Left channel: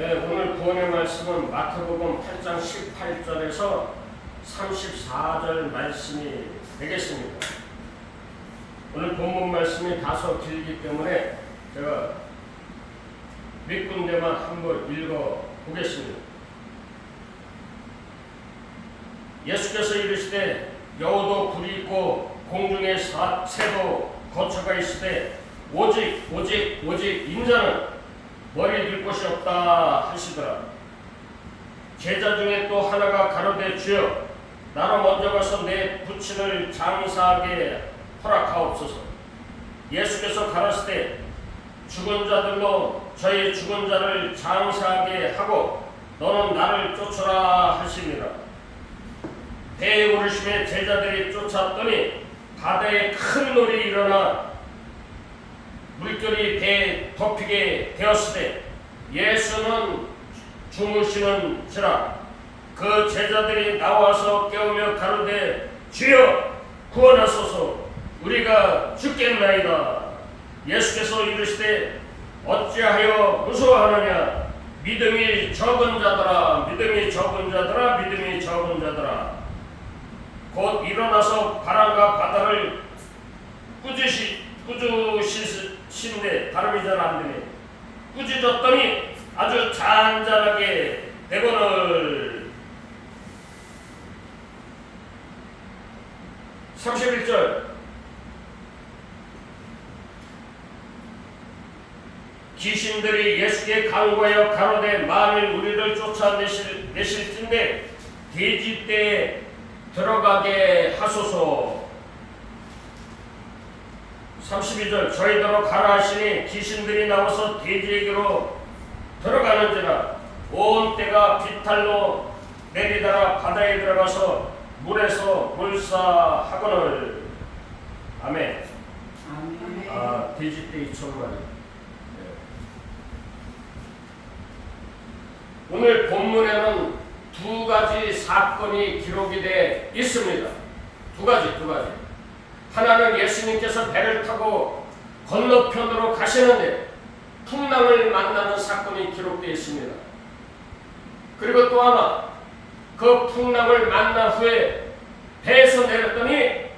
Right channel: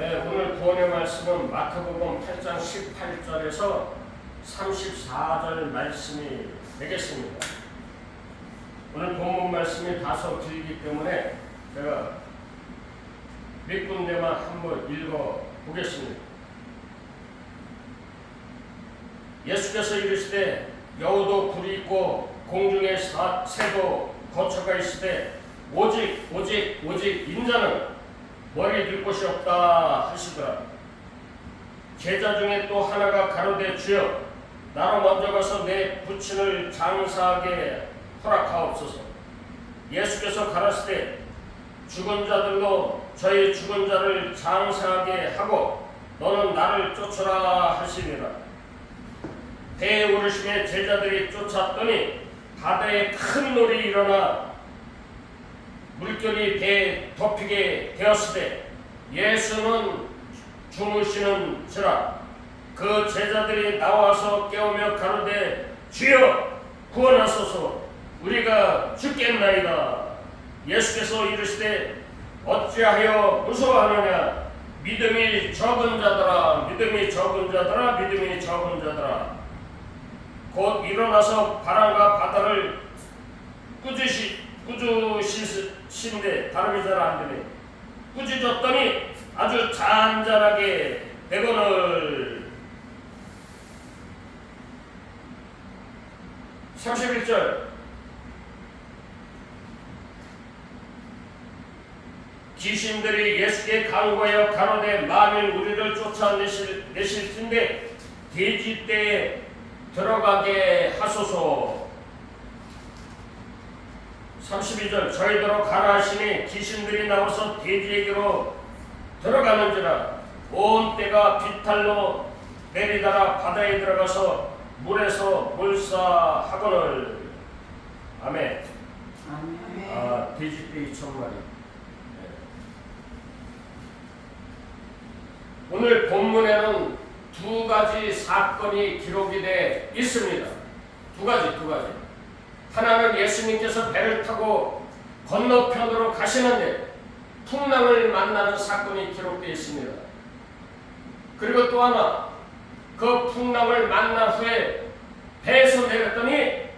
오늘 구원의 말씀은 마태복음 8장 18절에서 34절 말씀이 되겠습니다. 오늘 본문 말씀이 다소 길기 때문에 제가 몇 군데만 한번 읽어 보겠습니다. 예수께서 이르시되 여우도 굴이 있고 공중에 새도 거처가 있으되 오직 인자는 머리 들 곳이 없다 하시더라. 제자 중에 또 하나가 가로되 주여 나로 먼저 가서 내 부친을 장사하게 허락하옵소서. 예수께서 가라사대 죽은 자들로 저희 죽은 자를 장사하게 하고 너는 나를 쫓으라 하시니라. 배에 오르심에 제자들이 쫓았더니 바다에 큰 놀이 일어나 물결이 배에 덮이게 되었으되 예수는 주무시는지라. 그 제자들이 나와서 깨우며 가로되 주여 구원하소서 우리가 죽겠나이다. 예수께서 이르시되 어찌하여 무서워하느냐. 믿음이 적은 자들아 믿음이 적은 자들아. 곧 일어나서 바람과 바다를 꾸짖으시는데 발음이 잘 안 되네. 꾸짖었더니 아주 잔잔하게 되거늘. 31절 귀신들이 예수께 간구하여 가로되 만일 우리를 쫓아내실진데 돼지떼에 들어가게 하소서. 32절 저희더러 가라 하시니 귀신들이 나와서 돼지에게로 들어가는지라. 온 떼가 비탈로 내리다가 바다에 들어가서 물에서 몰사하거늘. 아멘. 돼지떼 2,000마리. 오늘 본문에는 두 가지 사건이 기록이 되어 있습니다. 두 가지. 하나는 예수님께서 배를 타고 건너편으로 가시는데 풍랑을 만나는 사건이 기록되어 있습니다. 그리고 또 하나, 그 풍랑을 만난 후에 배에서 내렸더니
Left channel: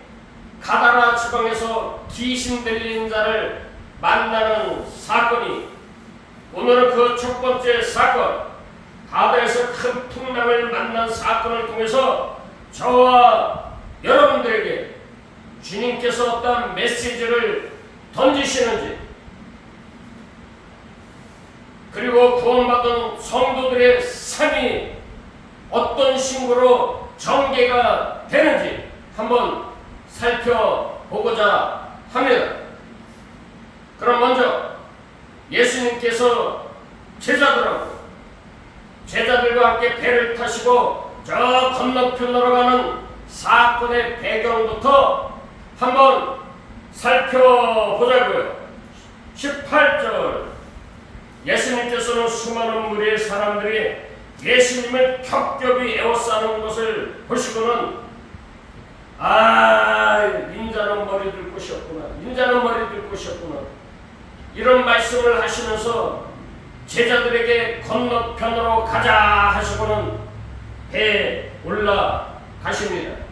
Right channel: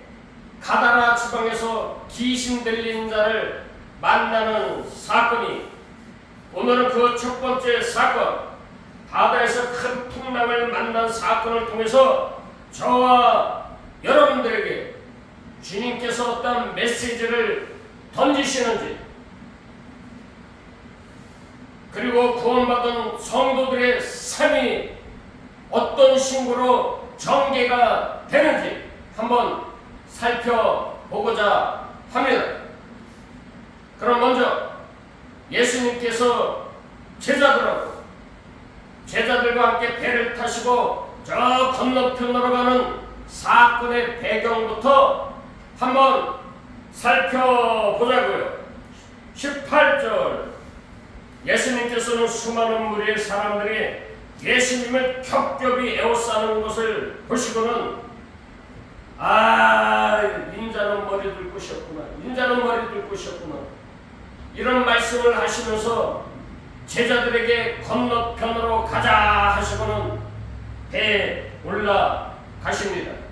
가다라 지방에서 귀신 들린 자를 만나는 사건이, 오늘은 그 첫 번째 사건, 바다에서 큰 풍랑을 만난 사건을 통해서 저와 여러분들에게 주님께서 어떤 메시지를 던지시는지, 그리고 구원받은 성도들의 삶이 어떤 신고로 전개가 되는지 한번 살펴보고자 합니다. 그럼 먼저 예수님께서 제자들과 함께 배를 타시고 저 건너편으로 가는 사건의 배경부터 한번 살펴보자고요. 18절 예수님께서는 수많은 무리의 사람들이 예수님을 겹겹이 에워싸는 것을 보시고는 인자는 머리 들 곳이 없구나 이런 말씀을 하시면서 제자들에게 건너편으로 가자 하시고는 배에 올라가십니다.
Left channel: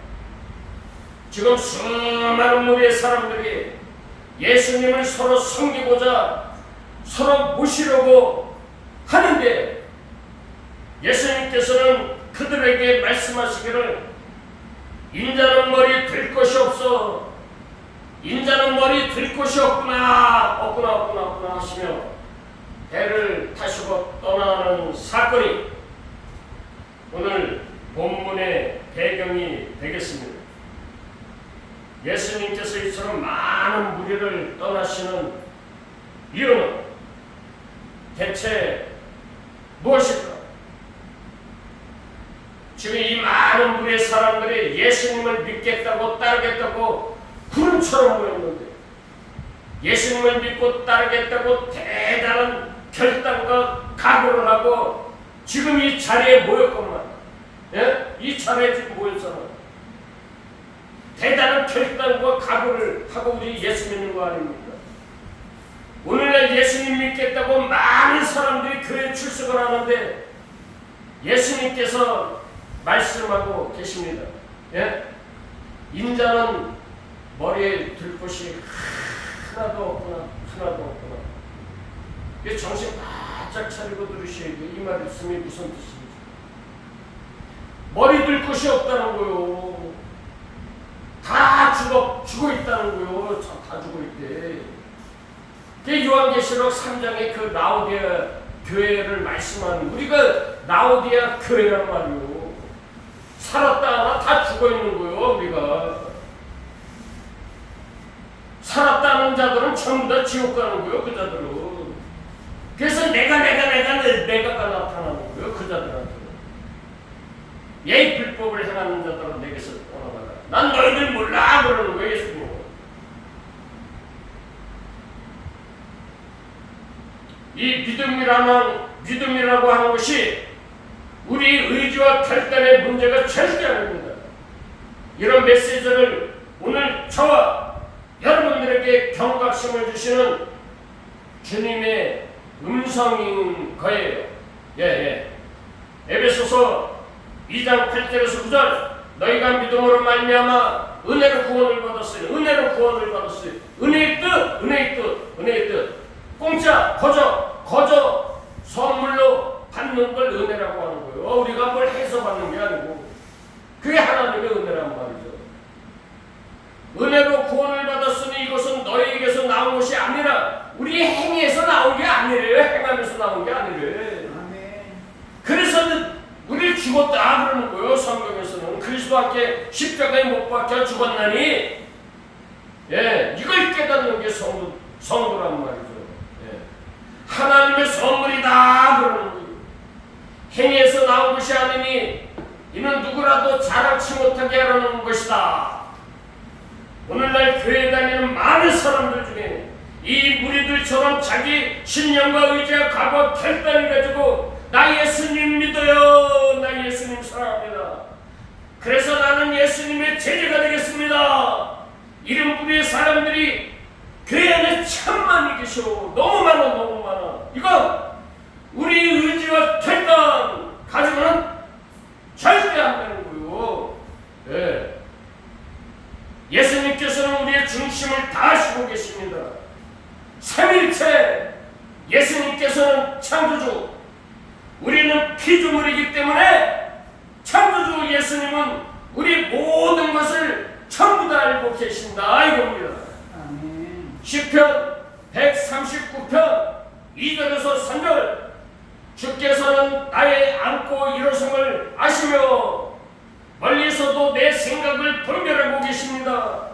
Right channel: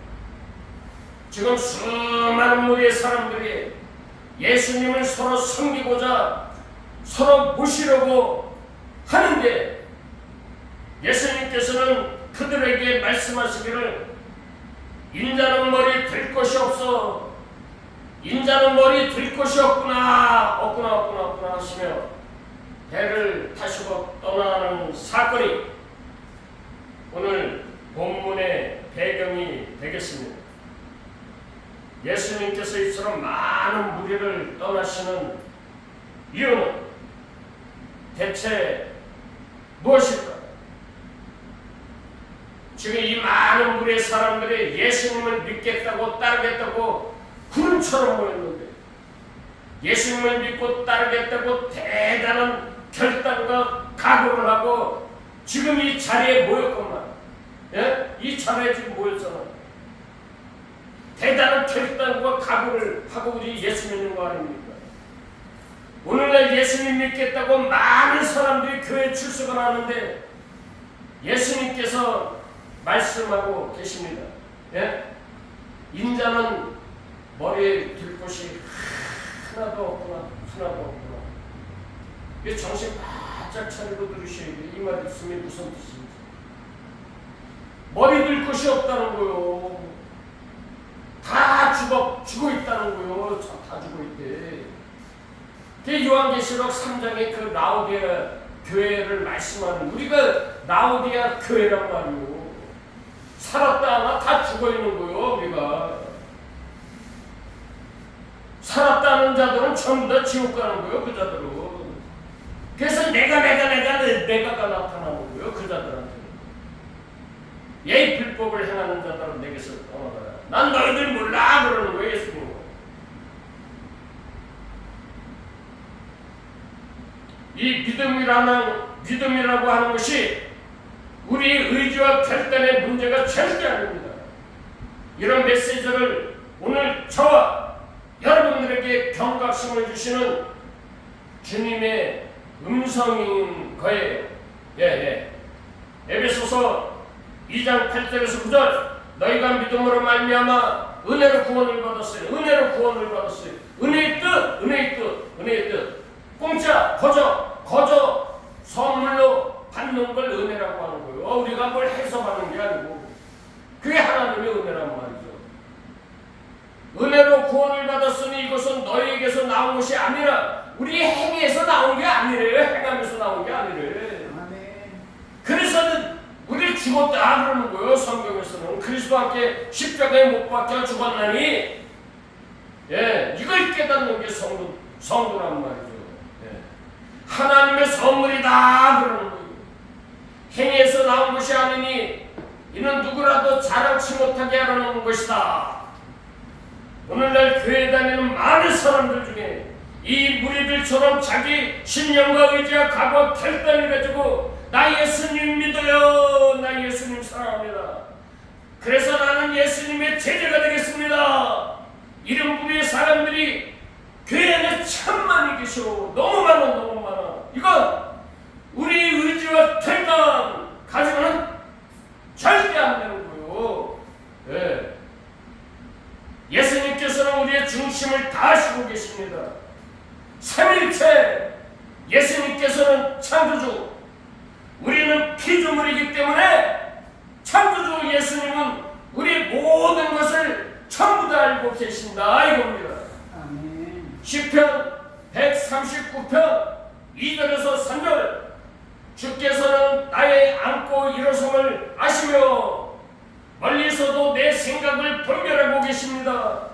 지금 수많은 무리의 사람들이 예수님을 서로 섬기고자 서로 모시려고 하는데 예수님께서는 그들에게 말씀하시기를 인자는 머리 들 것이 없어. 인자는 머리 들 것이 없구나 하시며 배를 타시고 떠나는 사건이 오늘 본문의 배경이 되겠습니다. 예수님께서 이처럼 많은 무리를 떠나시는 이유는 대체 무엇일까? 지금 이 많은 무리의 사람들이 예수님을 믿겠다고 따르겠다고 구름처럼 모였는데 예수님을 믿고 따르겠다고 대단한 결단과 각오를 하고 지금 이 자리에 모였건만, 이 자리에 지금 모였잖아요. 대단한 결단과 각오를 하고 우리 예수 믿는 거 아닙니까? 오늘날 예수님 믿겠다고 많은 사람들이 교회에 출석을 하는데 예수님께서 말씀하고 계십니다. 예? 인자는 머리에 들 곳이 하나도 없구나. 이게 정신 바짝 차리고 들으셔야 돼. 이 말씀이 무슨 뜻인지. 머리 들 곳이 없다는 거요. 다 죽어 있다는 거요. 다 죽어 있대. 그게 요한계시록 3장의 그 라오디아 교회를 말씀하는, 우리가 라오디아 교회란 말이요. 살았다 하나 다 죽어 있는 거요. 우리가 살았다 하는 자들은 전부 다 지옥 가는 거요. 그 자들은. 그래서 내가 나타나는 거요. 그 자들한테. 예의 불법을 행하는 자들은 내게서 떠나가라. 난 너희들 몰라 그러는 거예요. 예수님. 이 믿음이라고 하는 것이 우리 의지와 결단의 문제가 절대 아닙니다. 이런 메시지를 오늘 저와 여러분들에게 경각심을 주시는 주님의 음성인 거예요. 에베소서 2장 8절에서 9절, 너희가 믿음으로 말미암아 은혜로 구원을 받았으니, 은혜의 뜻, 공짜, 거저 선물로 받는 걸 은혜라고 하는 거예요. 우리가 뭘 해서 받는 게 아니고 그게 하나님의 은혜란 말이죠. 은혜로 구원을 받았으니 이것은 너희에게서 나온 것이 아니라, 우리 행위에서 나온 게 아니래요. 행함에서 나온 게 아니래. 그래서 우리를 죽었다 그러는 거예요. 성경에서는 그리스도와 함께 십자가에 못 박혀 죽었나니, 이걸 깨닫는 게 성도란 말이죠. 하나님의 선물이다 그러는 거예요. 행위에서 나온 것이 아니니 이는 누구라도 자랑치 못하게 하려는 것이다. 오늘날 교회 다니는 많은 사람들 중에 이 무리들처럼 자기 신념과 의지와 각오와 결단을 가지고 나 예수님 믿어요. 나 예수님 사랑합니다. 그래서 나는 예수님의 제자가 되겠습니다. 이런 부류의 사람들이 교회 안에 참 많이 계셔. 너무 많아. 이건 우리 의지와 결단 가지고는 절대 안 되는 거예요. 예수님께서는 우리의 중심을 다 하시고 계십니다. 삼일체 예수님께서는 창조주, 우리는 피조물이기 때문에 창조주 예수님은 우리 모든 것을 전부 다 알고 계신다 이겁니다. 시편 139편 2절에서 3절, 주께서는 나의 안고 일어섬을 아시며 멀리서도 내 생각을 분별하고 계십니다.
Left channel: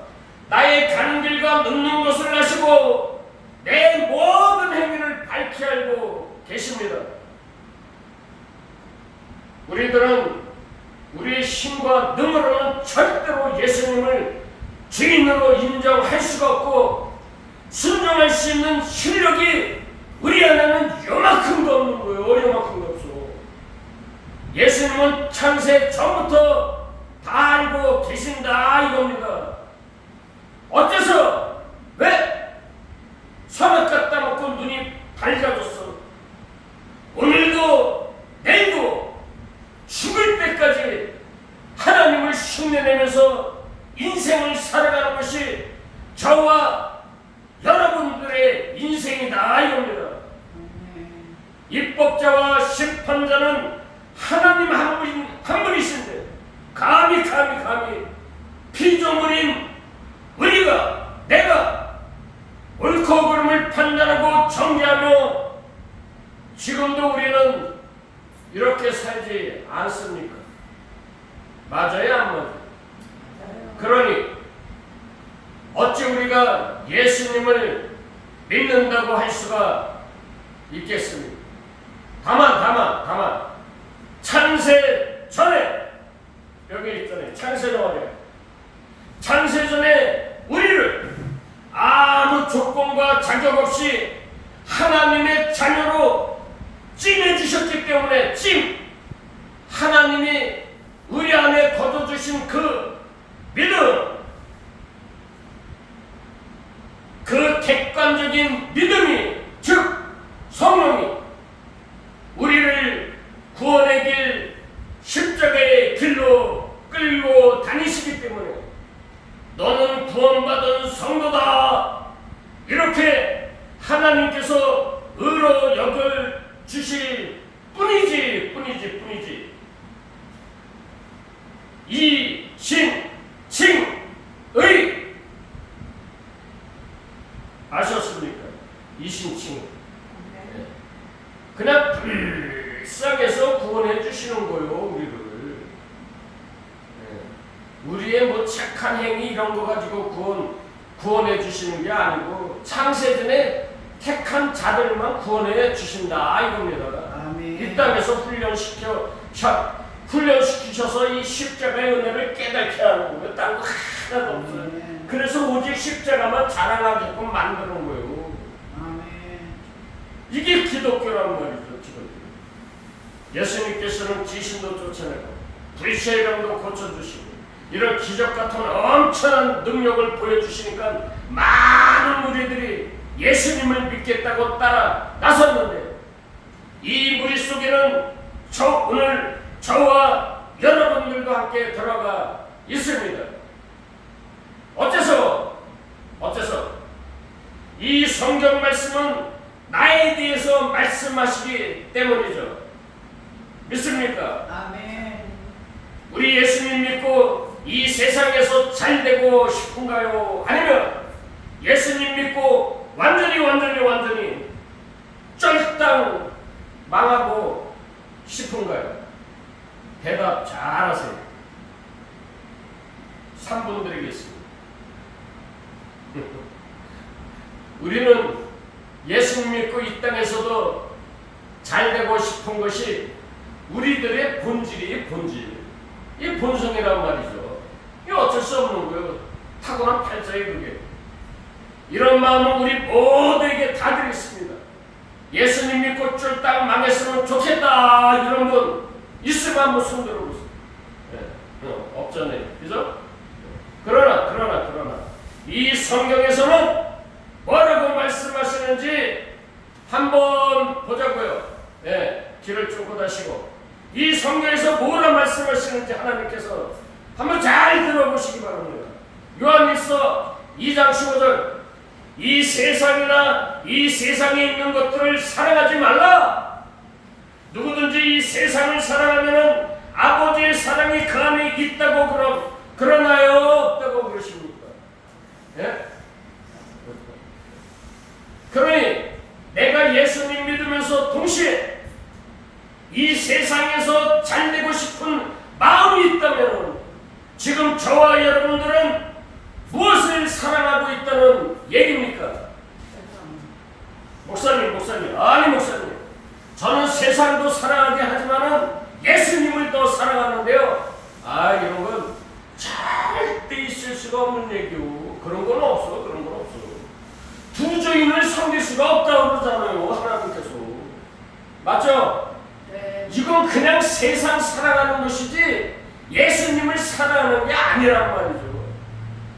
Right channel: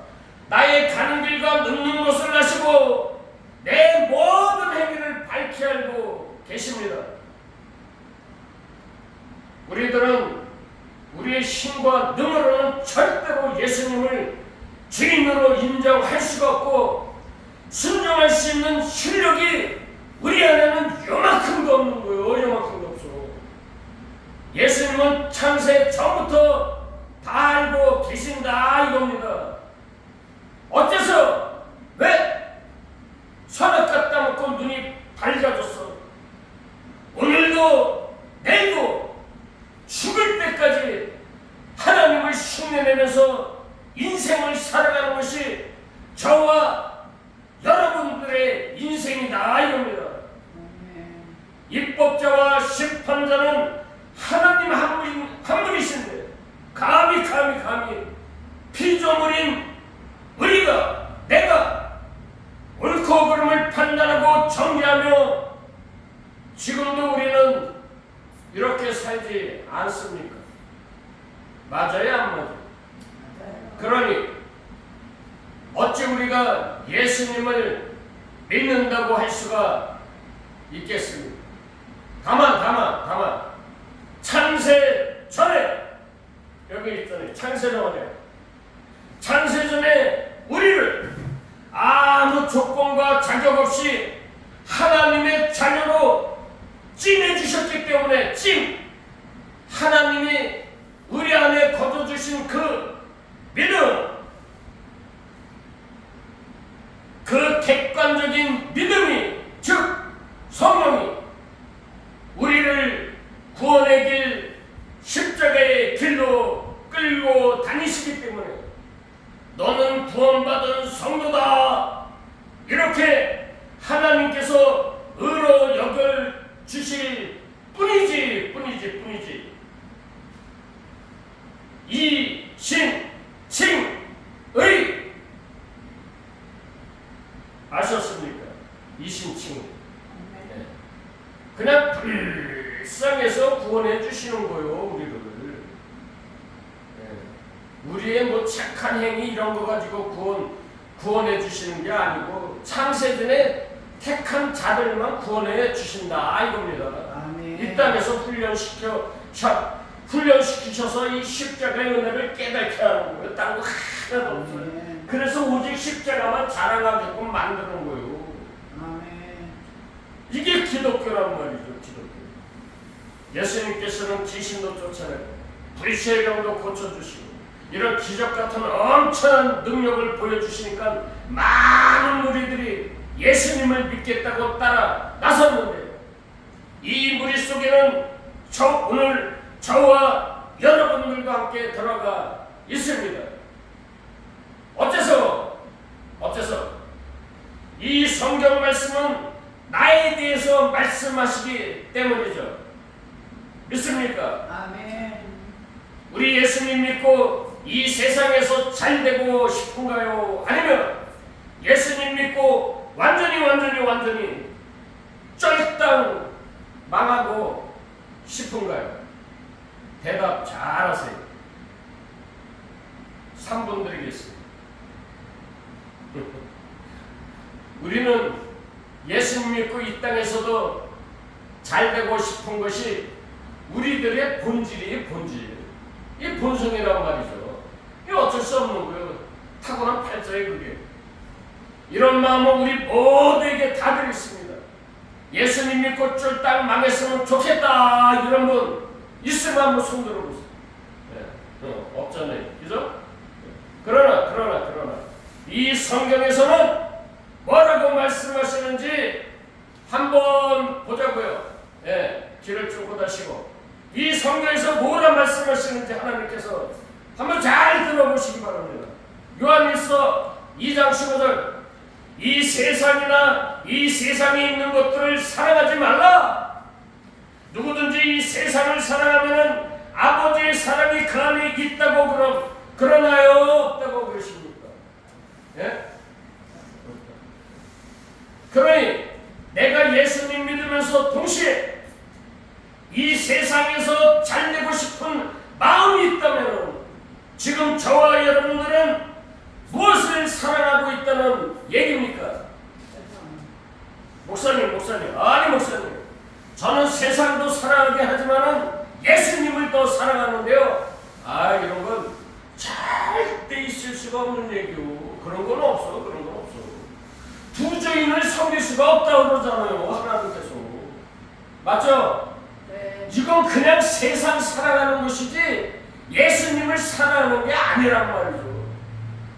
나의 가는 길과 눕는 것을 아시고 내 모든 행위를 밝히 알고 계십니다. 우리들은 우리의 힘과 능으로는 절대로 예수님을 주인으로 인정할 수가 없고 순종할 수 있는 실력이 우리 안에는 요만큼도 없는 거예요. 요만큼도 없어. 예수님은 창세 전부터 다 알고 계신다 이겁니다. 어째서? 왜? 선악 갖다 놓고 눈이 밝아졌어. 오늘도 내일도 죽을 때까지 하나님을 흉내내면서 인생을 살아가는 것이 저와 여러분들의 인생이다 이겁니다. 입법자와 심판자는 하나님 한 분이신데 감히 피조물인 우리가, 내가 옳고 그름을 판단하고 정죄하며 지금도 우리는 이렇게 살지 않습니까? 맞아요, 안 맞아요? 그러니 어찌 우리가 예수님을 믿는다고 할 수가 있겠습니까? 다만 창세 전에, 여기 있잖아요. 창세 전에 우리를 아무 조건과 자격 없이 하나님의 자녀로 찜해주셨기 때문에, 하나님이 우리 안에 거둬주신 그 믿음, 그 객관적인 믿음이 이렇게 하나님께서 의로 여겨 주실 뿐이지. 이신칭의 아셨습니까? 이신칭. 그냥 불쌍해서 구원해 주시는 거예요, 우리를. 우리의 뭐 착한 행위 이런 거 가지고 구원해 주시는 게 아니고 창세전에 택한 자들만 구원해 주신다 이겁니다. 아멘. 이 땅에서 훈련시키셔서 이 십자가의 은혜를 깨닫게 하는 거예요. 딴 거 하나도 없어요. 아멘. 그래서 오직 십자가만 자랑하게끔 만드는 거예요. 아멘. 이게 기독교란 말이죠. 기독교. 예수님께서는 귀신도 쫓아내고 불시의 병도 고쳐주시고 이런 기적 같은 엄청난 능력을 보여주시니까 많은 무리들이 예수님을 믿겠다고 따라 나섰는데 이 무리 속에는 오늘 저와 여러분들과 함께 들어가 있습니다. 어째서 이 성경 말씀은 나에 대해서 말씀하시기 때문이죠. 믿습니까? 아멘. 우리 예수님 믿고 이 세상에서 잘 되고 싶은가요? 아니면 예수님 믿고 완전히 쫄딱 망하고 싶은가요? 대답 잘하세요. 3분 드리겠습니다. 우리는 예수님 믿고 이 땅에서도 잘 되고 싶은 것이 우리들의 본질이 이 본성이란 말이죠. 이 어쩔 수 없는 거예요. 타고난 팔자에 그게. 이런 마음은 우리 모두에게 다들 있습니다. 예수님 믿고 쫄딱 망했으면 좋겠다 이런 분 있으면 한번 손 들어보세요. 없잖아요. 그죠? 그러나 이 성경에서는 뭐라고 말씀하시는지 한번 보자고요. 귀를 쫑긋 하시고 이 성경에서 뭐라 말씀하시는지 하나님께서 한번 잘 들어보시기 바랍니다. 요한일서 2장 15절 이 세상이나 이 세상에 있는 것들을 사랑하지 말라. 누구든지 이 세상을 사랑하면은 아버지의 사랑이 그 안에 있다고 그러나요? 없다고 그러십니까? 예? 그러니 내가 예수님 믿으면서 동시에 이 세상에서 잘 되고 싶은 마음이 있다면 지금 저와 여러분들은 무엇을 사랑하고 있다는 얘기입니까? 목사님 아니 목사님 저는 세상도 사랑하게 하지만은 예수님을 더 사랑하는데요. 이런 건 절대 있을 수가 없는 얘기요. 그런 건 없어. 두 주인을 섬길 수가 없다고 그러잖아요. 하나님께서. 맞죠? 네. 이건 그냥 세상 사랑하는 것이지 예수님을 사랑하는 게 아니란 말이죠.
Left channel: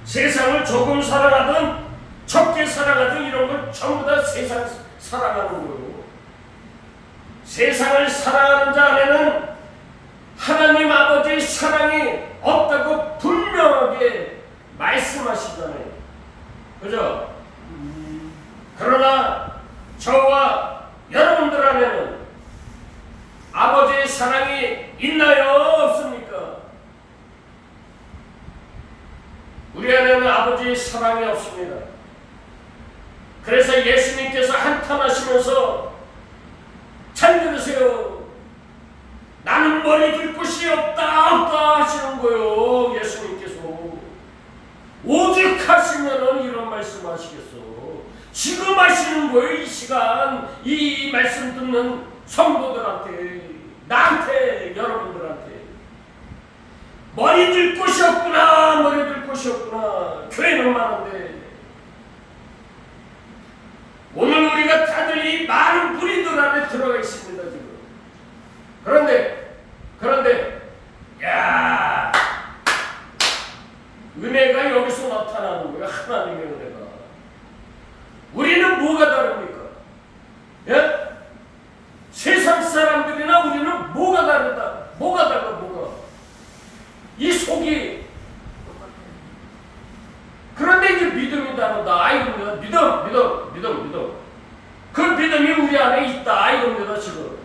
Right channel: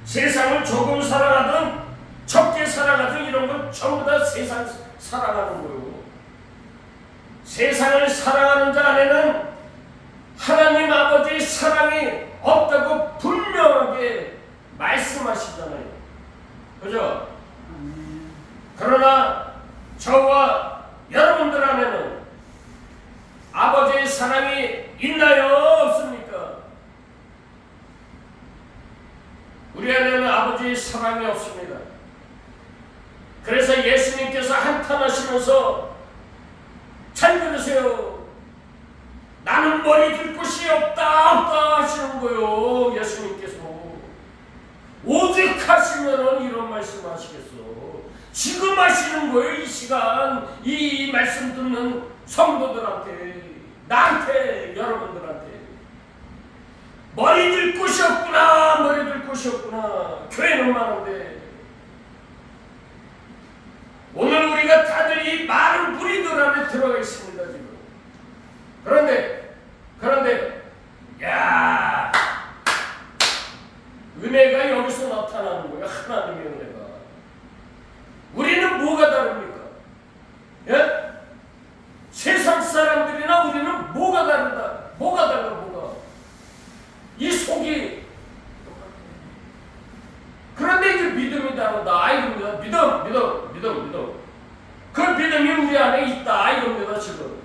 세상을 조금 사랑하든 적게 사랑하든 이런 건 전부 다 세상 사랑하는 거예요. 세상을 사랑하는 자 안에는 하나님 아버지의 사랑이 없다고 분명하게 말씀하시잖아요. 그죠? 그러나 저와 여러분들 안에는 아버지의 사랑이 있나요? 없습니까? 우리 안에는 아버지의 사랑이 없습니다. 그래서 예수님께서 한탄하시면서 잘 들으세요. 나는 머리 들 곳이 없다 하시는 거예요. 예수님께서. 오직 하시면은 이런 말씀 하시겠어. 지금 하시는 거예요. 이 시간 이 말씀 듣는 성도들한테, 나한테, 여러분들한테. 머리 들 곳이 없구나. 교회는 많은데 오늘 우리가 다들 이 많은 무리들 안에 들어가 있습니다. 지금. 그런데 야 은혜가 여기서 나타나는 거예요. 하나님의 은혜가. 우리는 뭐가 다릅니까? 예? 세상 사람들이나 우리는 뭐가 다르다? 뭐가 달라? 이 속이. 그런데 이제 믿음이 다르다. 믿음. 믿음. 그 믿음이 우리 안에 있다 이겁니다 지금.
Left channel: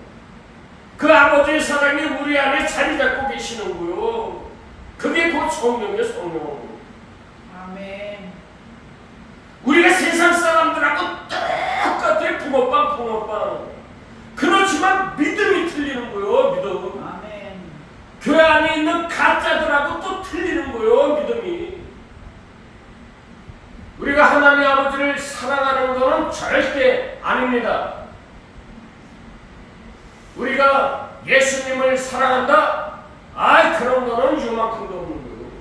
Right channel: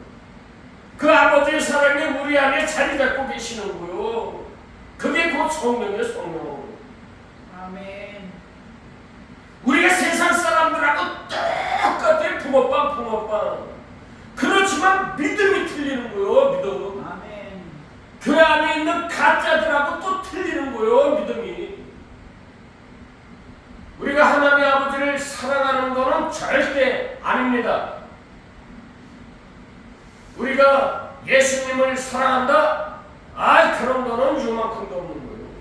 그 아버지의 사랑이 우리 안에 자리 잡고 계시는 거요. 그게 곧 성령이에요, 성령. 아멘. 우리가 세상 사람들하고 똑같아, 붕어빵. 그렇지만 믿음이 틀리는 거요, 믿음. 아멘. 교회 안에 있는 가짜들하고 또 틀리는 거요, 믿음이. 우리가 하나님 아버지를 사랑하는 것은 절대 아닙니다. 우리가 예수님을 사랑한다? 그런 거는 요만큼도 없는 거예요.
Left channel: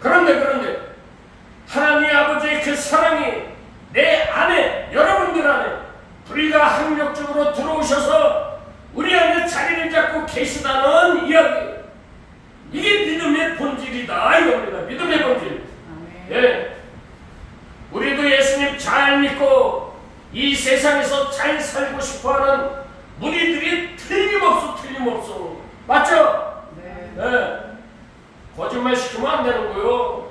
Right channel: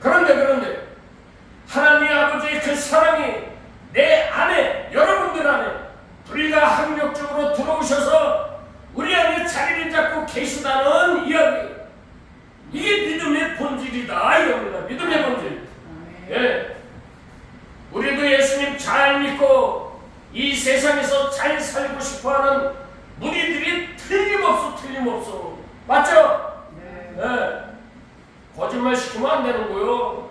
그런데 하나님 아버지의 그 사랑이 내 안에, 여러분들 안에 불가항력적으로 들어오셔서 우리 안에 자리를 잡고 계시다는 이야기. 이게 믿음의 본질이다 이겁니다. 믿음의 본질. 예. 우리도 예수님 잘 믿고 이 세상에서 잘 살고 싶어하는 무리들이 틀림없어. 맞죠? 네. 네. 거짓말 시키면 안 되는 거요.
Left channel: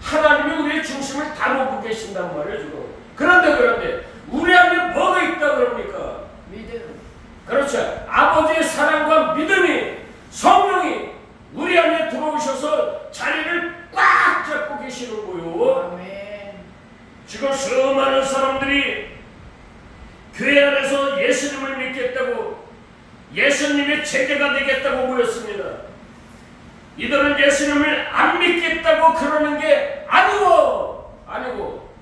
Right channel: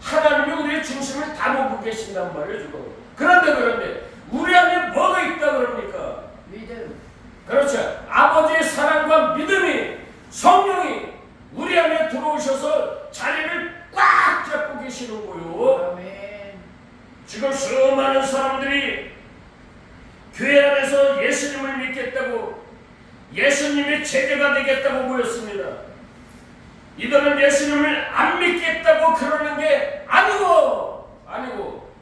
하나님이 우리의 중심을 다루고 계신단 말이에요 지금. 그런데 우리 안에 뭐가 있다 그럽니까? 믿음. 그렇죠. 아버지의 사랑과 믿음이, 성령이 우리 안에 들어오셔서 자리를 꽉 잡고 계시는 거요. 아멘. 지금 수많은 사람들이 교회 안에서 예수님을 믿겠다고, 예수님의 제자가 되겠다고 모였습니다. 이들은 예수님을 안 믿겠다고 그러는 게 아니고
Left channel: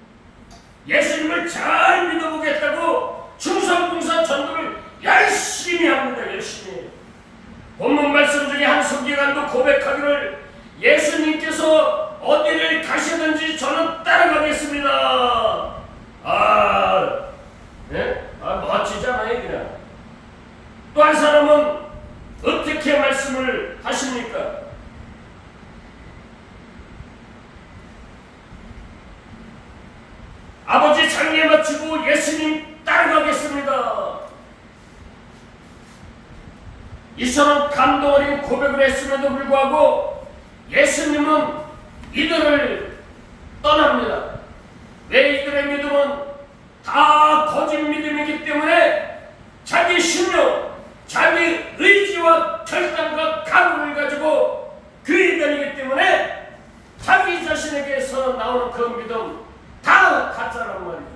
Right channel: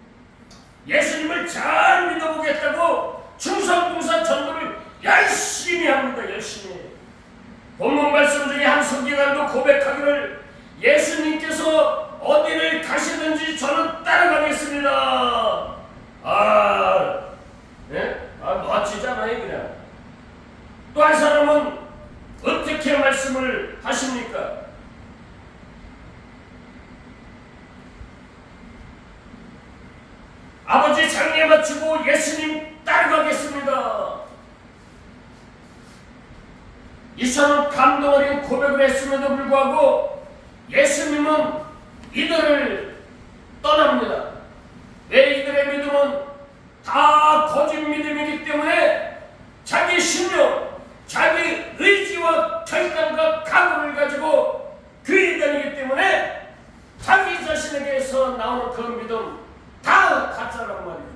예수님을 잘 믿어보겠다고 충성봉사 전도를 열심히 합니다. 열심히. 본문 말씀 중에 한 서기관도 고백하기를, 예수님께서 어디를 가시든지 저는 따라가겠습니다. 멋지잖아요 그냥. 또 한 사람은 어떻게 말씀을 하십니까? 아버지 장례 마치고 예수님 따라가겠습니다. 이 사람은 감동 어린 고백을 했음에도 불구하고 예수님은 이들을 떠납니다. 왜? 이들의 믿음은 다 거짓 믿음이기 때문에 자기 신념, 자기 의지와 결단과 각오를 가지고 교회 다니기 때문에 자기 자신에게서 나오는 그 믿음 다 가짜란 말이죠.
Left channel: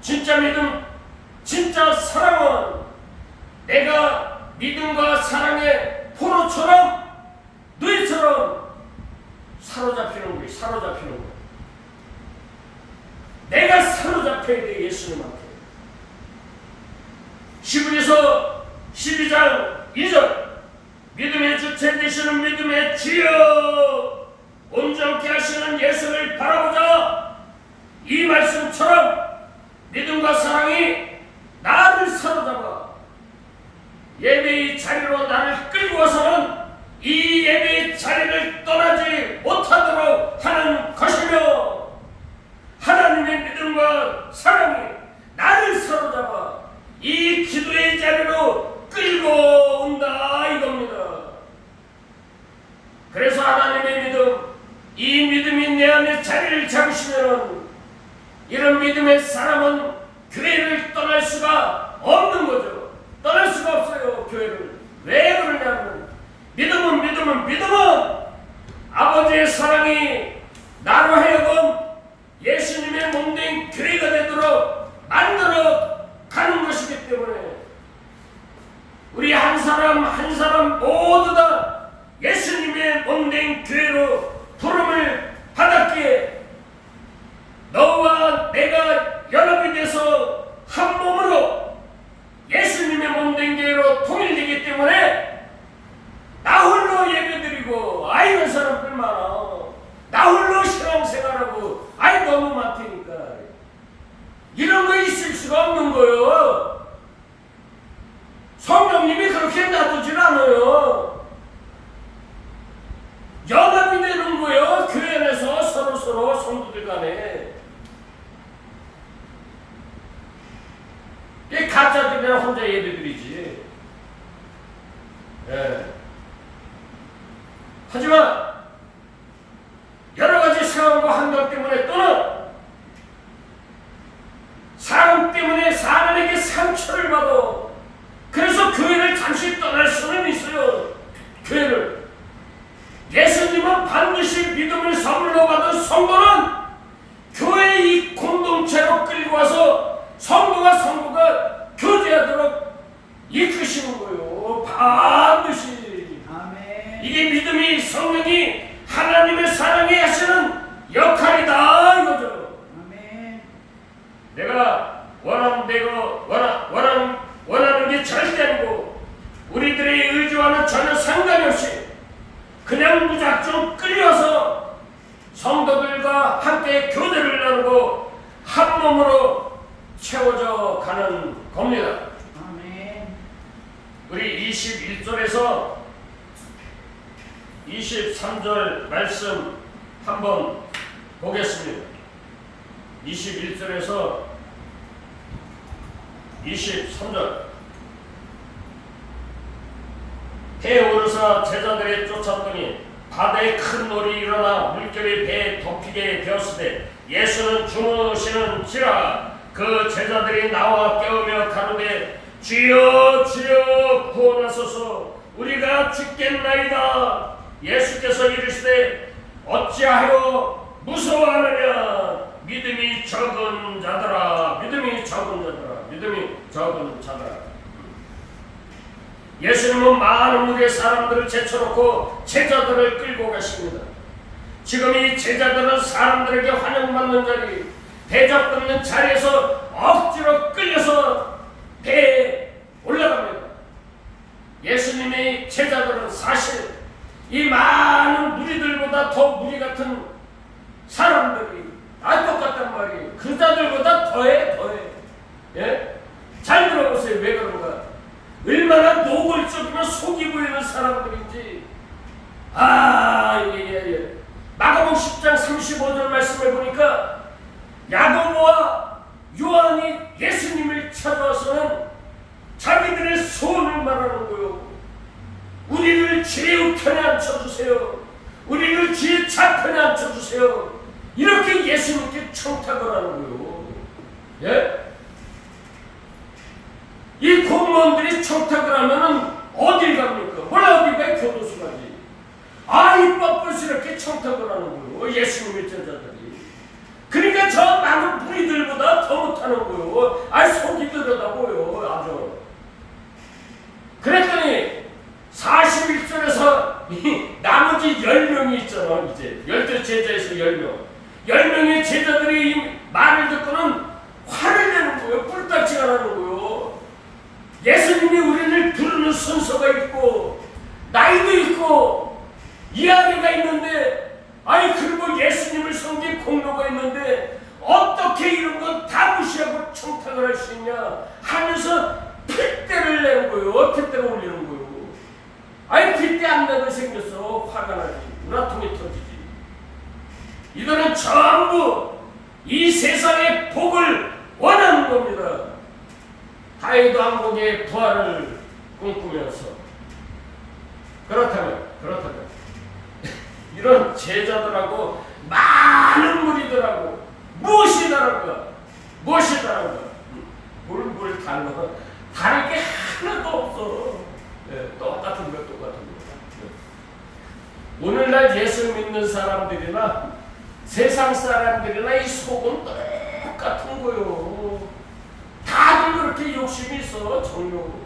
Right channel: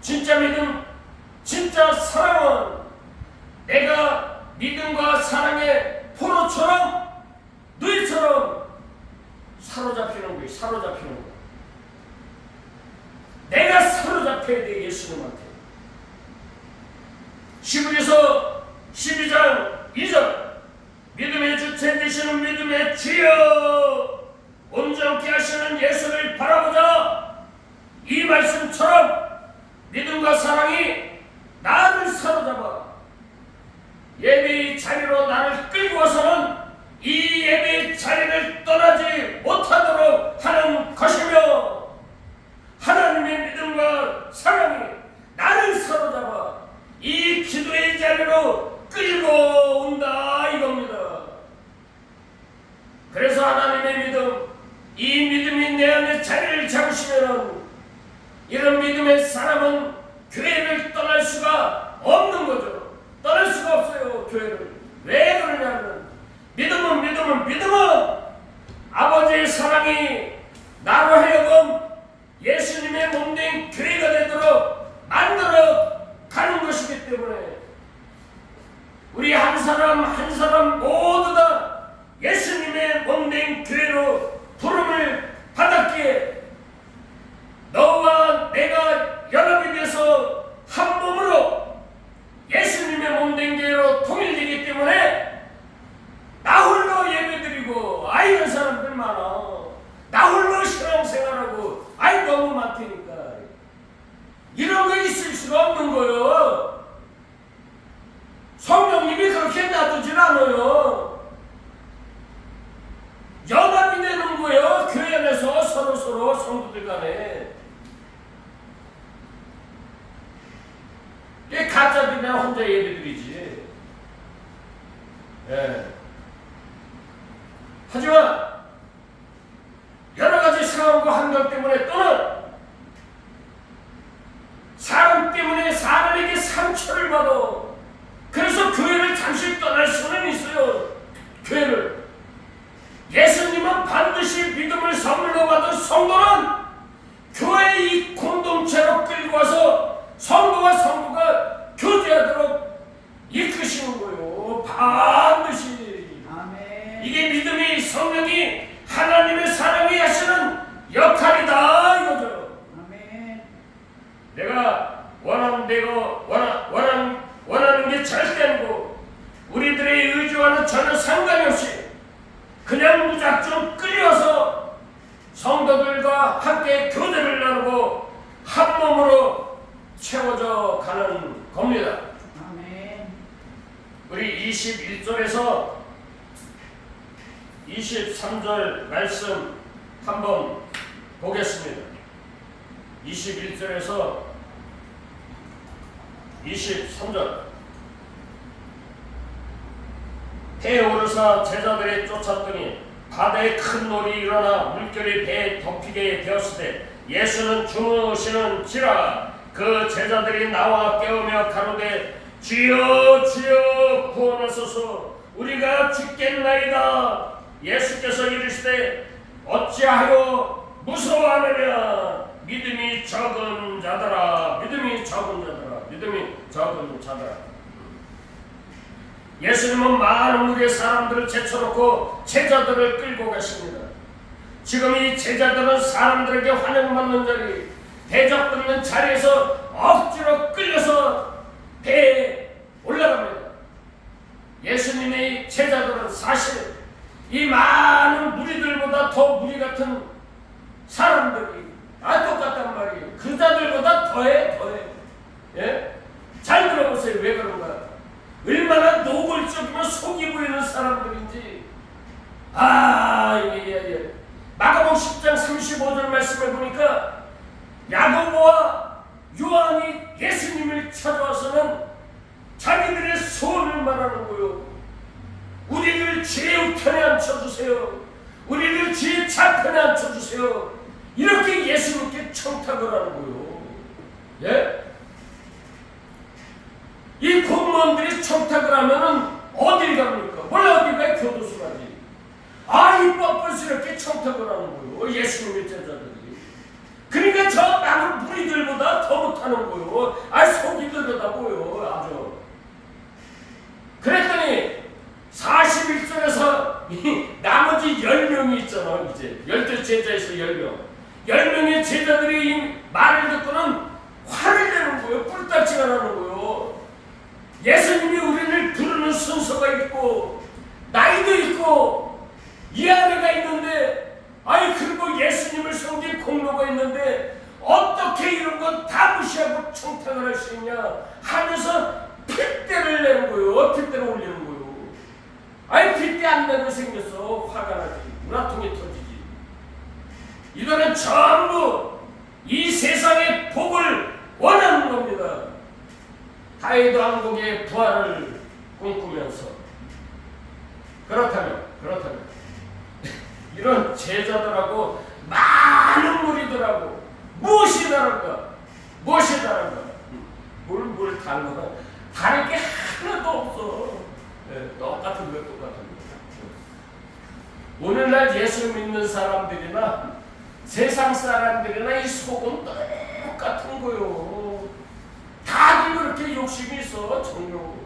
진짜 믿음, 진짜 사랑은 내가 믿음과 사랑의 포로처럼, 누이처럼 사로잡히는 거예요. 내가 사로잡혀야 돼, 예수님한테. 시브리서 12장 2절, 믿음의 주체 되시는 믿음의 주여 온전케 하시는 예수를 바라보자. 이 말씀처럼 믿음과 사랑이 나를 사로잡아 예배의 자리로 나를 끌고 와서는 이 예배의 자리를 떠나지 못하도록 하는 것이며, 하나님의 믿음과 사랑이 나를 사로잡아 이 기도의 자리로 끌고 온다 이겁니다. 그래서 하나님의 믿음, 이 믿음이 내 안에 자리를 잡으시면은 이런 믿음의 사람은 교회를 떠날 수가 없는 거죠. 떠날 수가 없어요, 교회를. 왜 그러냐면 믿음은 아버지의 사랑이 나로 하여금 예수님의 몸된 교회가 되도록 만들어 가는 것이기 때문에 우리 한 사람 모두 다 예수님의 몸된 교회로 부름을 받았기에 너와 내가 연합이 돼서 한 몸으로 예수님의 몸된 교회로 통일되기 때문에 나 홀로 예배드리고 이런 사람들 많아. 나 홀로 신앙생활하고 너무 많다니까. 이런 거 있을 수가 없는 거예요. 성령님이 그렇게 놔두질 않아요. 연합이 되는 거예요. 교회 안에서 서로 성도들 간에. 이 가짜들이랑 혼자 예배드리지. 예. 하지만 여러 가지 상황과 환경 때문에 또는 상처를 받아. 그래서 교회를 잠시 떠날 수는 있어요. 교회를. 예수님은 반드시 믿음을 선물로 받은 성도는 교회의 이 공동체로 끌고 와서 성도와 성도가 교제하도록 이끄시는 거예요. 반드시. 아멘. 이게 믿음이 성령이 하나님의 사랑이 하시는 역할이다 이거죠. 아멘. 내가 원하는 게 절대 아니고 우리들의 의지와는 전혀 상관이 없이 그냥 무작정 끌려서 성도들과 함께 교제를 나누고 한 몸으로 채워져 가는 겁니다. 아멘. 우리 21절에서 23절 말씀 한번 보겠습니다. 21절에서 23절. 배에 오르사 제자들이 쫓았더니 바다에 큰 놀이 일어나 물결이 배에 덮이게 되었으되 예수는 주무시는지라. 그 제자들이 나와 깨우며 가로되 주여 주여 구원하소서 우리가 죽겠나이다. 예수께서 이르시되 어찌하여 무서워하느냐. 믿음이 적은 자들아. 믿음이 적은 자들아. 믿음이 적은 자들아. 예수님은 많은 무리의 사람들을 제쳐놓고 제자들을 끌고 가십니다. 지금 이 제자들은 사람들에게 환영받는 자리, 대접받는 자리에서 억지로 끌려서 배에 올라갑니다. 예수님의 제자들은 사실 이 많은 무리들보다 더 무리 같은 사람들이 다 똑같단 말이에요. 그 자들보다 더해. 예? 잘 들어보세요. 왜 그런가? 얼마나 노골적이면 속이 보이는 사람들인지. 예. 마가복음 10장 35절 말씀에 보니까 야고보와 요한이 예수님을 찾아와서는 자기들의 소원을 말하는 거요. 우리를 죄의 편에 앉혀주세요. 우리를 죄의 좌편에 앉혀주세요. 이렇게 예수님께 청탁을 하는 거요. 예? 이 공무원들이 청탁을 하면은 어딜 갑니까? 몰라 어딜 가요? 교도소 가지. 이 뻔뻔스럽게 청탁을 하는 거요. 예수님의 제자들이. 그러니까 저 많은 무리들보다 더 못하는 거요. 속이 들여다보요. 아주. 그랬더니 41절에서 나머지 10명이 있잖아. 이제 12 제자에서 10명. 10명의 제자들이 이 말을 듣고는 화를 내는 거예요. 뿔딱지가 나는 거예요. 예수님이 우리를 부르는 순서가 있고 나이도 있고 이하리가 있는데 그리고 예수님을 섬긴 공로가 있는데 어떻게 이런 거 다 무시하고 청탁을 할 수 있냐 하면서 핏대를 내는 거예요. 핏대를 올리는 거예요. 핏대 안 내고 생겼어. 화가 나지. 우라통이 터지지. 이들은 전부 이 세상의 복을 원하는 겁니다. 다윗 왕국의 부활을 꿈꾸면서. 그렇다면 이런 제자들하고 많은 무리들하고 무엇이 다른가? 뭘 달라? 다를 게 하나도 없어. 똑같은 거. 오늘날 예수 믿는 사람들이나 세상 사람들이나 이 속은 똑같은 거요. 다들 그렇게 욕심이 있어. 정욕.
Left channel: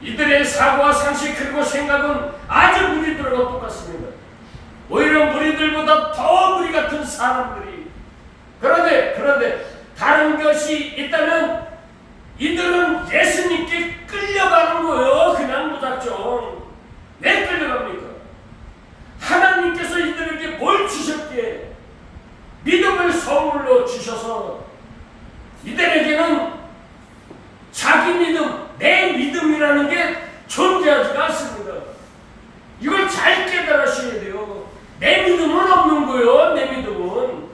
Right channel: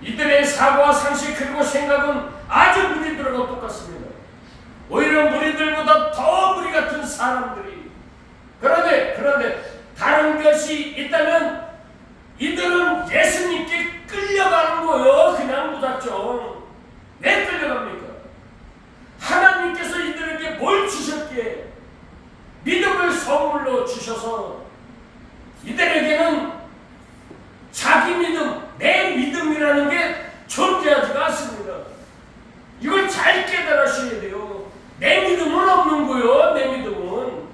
이들의 사고와 상식 그리고 생각은 아주 무리들하고 똑같습니다. 오히려 무리들보다 더 무리 같은 사람들이. 그런데 다른 것이 있다면 이들은 예수님께 끌려가는 거예요. 그냥 무작정. 왜 끌려갑니까? 하나님께서 이들에게 뭘 주셨기에 믿음을 선물로 주셔서 이들에게는 자기 믿음, 내 믿음이라는 게 존재하지가 않습니다. 이걸 잘 깨달으셔야 돼요. 내 믿음은 없는 거예요. 내 믿음은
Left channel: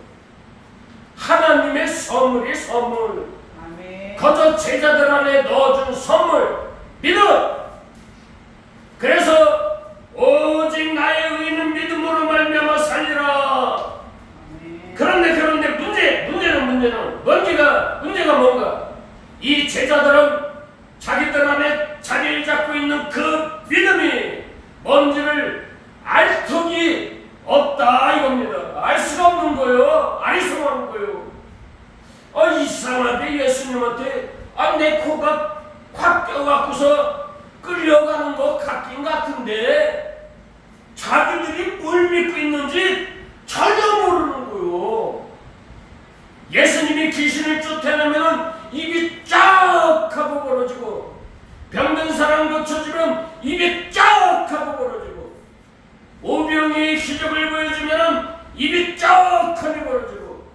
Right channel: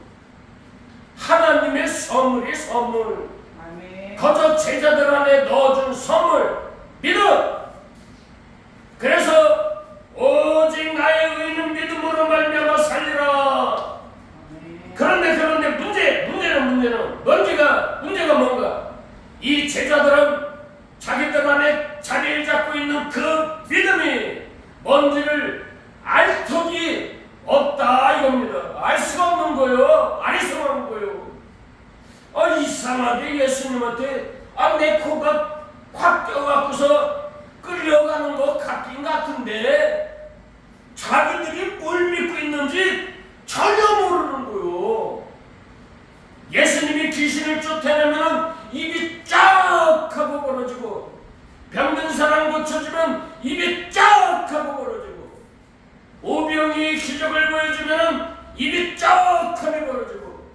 하나님의 선물이 선물. 아멘. 거저 제자들 안에 넣어준 선물, 믿음. 그래서 오직 나의 의는 믿음으로 말미암아 살리라. 아멘. 그런데 문제는 문제가 뭔가? 이 제자들은 자기들 안에 자리를 잡고 있는 그 믿음이 뭔지를 알 턱이 없다 이겁니다. 알 수가 없는 거예요. 아리송한 거예요. 이상하게 예수님한테 내 코가 확 껴갖고서 끌려가는 것 같긴 같은데 자기들이 뭘 믿고 있는지 전혀 모르는 거예요. 예수님이 귀신을 쫓아내면 입이 쫙 하고 벌어지고, 병든 사람 고쳐주면 입이 쫙 하고 벌어지고, 오병이 기적을 보여주면 입이 쫙 하고 벌어지고,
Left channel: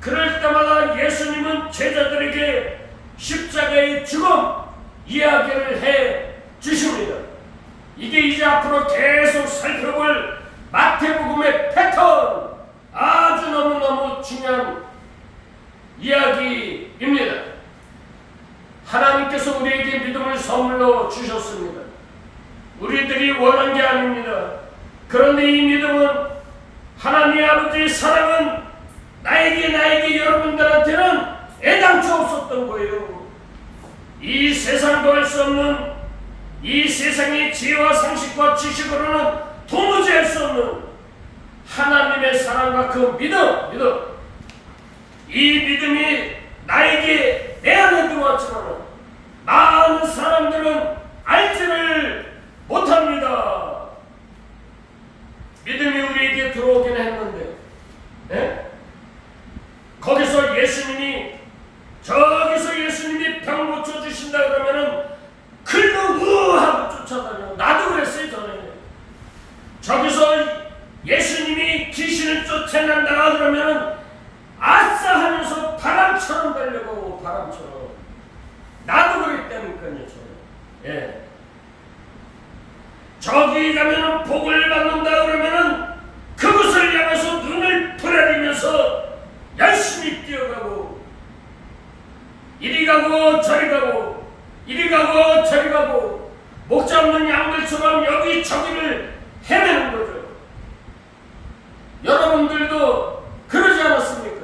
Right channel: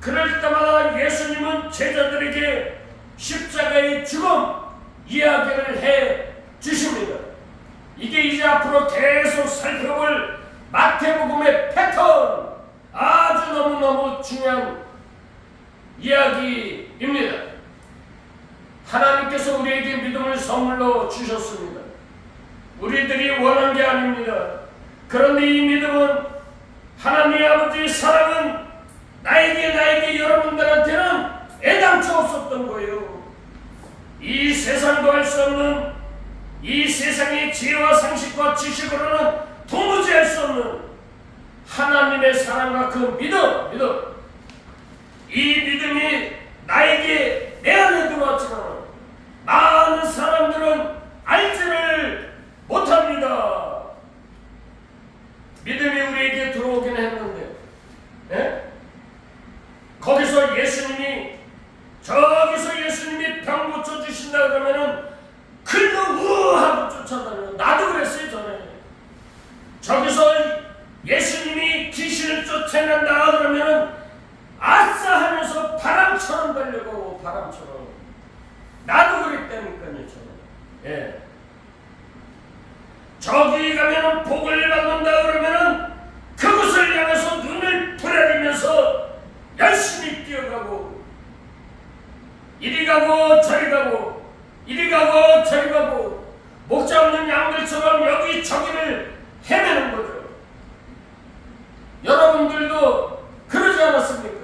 그럴 때마다 예수님은 제자들에게 십자가의 죽음 이야기를 해 주십니다. 이게 이제 앞으로 계속 살펴볼 마태복음의 패턴, 아주 너무너무 중요한 이야기입니다. 하나님께서 우리에게 믿음을 선물로 주셨습니다. 우리들이 원한 게 아닙니다. 그런데 이 믿음은 하나님 아버지의 사랑은 나에게 여러분들한테는 애당초 없었던 거예요. 이 세상도 할 수 없는, 이 세상의 지혜와 상식과 지식으로는 도무지 할 수 없는 하나님의 사랑과 그 믿음, 이 믿음이 나에게 내 안에 들어왔지만 많은 사람들은 알지를 못합니다. 믿음이 우리에게 들어오긴 했는데, 거기서 저기서 예수님이 병 고쳐주신다 그러면은 글로 우하고 쫓아다녀. 나도 그랬어요. 전에 저기서 예수님이 귀신을 쫓아낸다 그러면은 아싸 하면서 바람처럼 달려가고, 바람처럼. 나도 그랬다니까요. 전에. 저기 가면은 복을 받는다 그러면은 그곳을 향해서 눈을 부라리면서 열심히 뛰어가고, 이리 가고 저리 가고, 이리 가고 저리 가고, 목 잡는 양들처럼 여기저기를 헤매는 거죠. 여러분들도 그러지 않았습니까?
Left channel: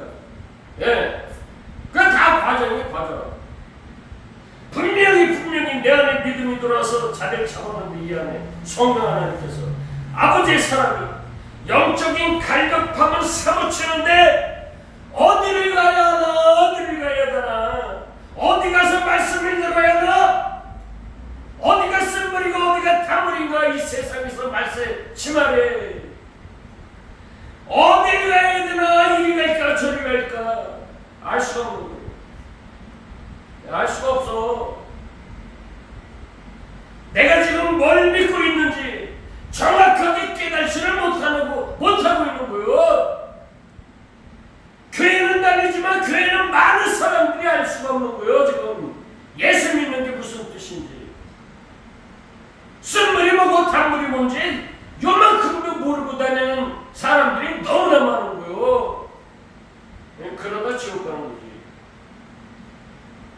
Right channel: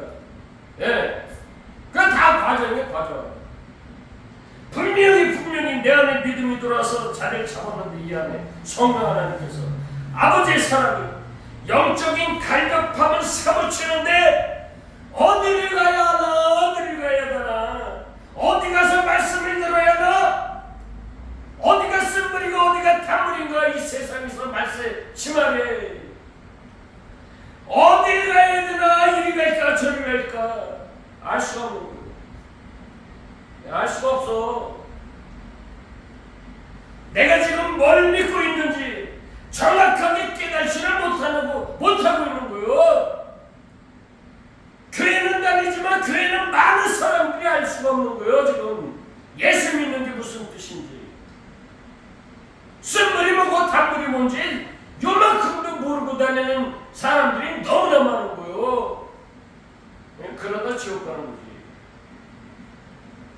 그건 다 과정이에요, 과정. 분명히 내 안에 믿음이 들어와서 자리를 잡았는데, 이 안에 성령 하나님께서 아버지의 사랑이 영적인 갈급함을 사무치는데 어디를 가야 하나, 어디를 가야 하나, 어디 가서 말씀을 들어야 하나, 어디가 쓴물이고 어디가 단물인가, 이 세상에서 말세 치말에 어디 가야 되나, 이리 갈까 저리 갈까 알 수가 없는 거예요. 알 수가 없어. 내가 지금 뭘 믿고 있는지 정확하게 깨달지를 못하고 있는 거예요. 교회는 다니지만 교회는 많은 사람들이 알 수가 없는 거예요. 지금 예수 믿는 게 무슨 뜻인지, 쓴물이 뭐고 단물이 뭔지 요만큼도 모르고 다니는 사람들이 너무나 많은 거예요. 그러다 지옥 가는 거지.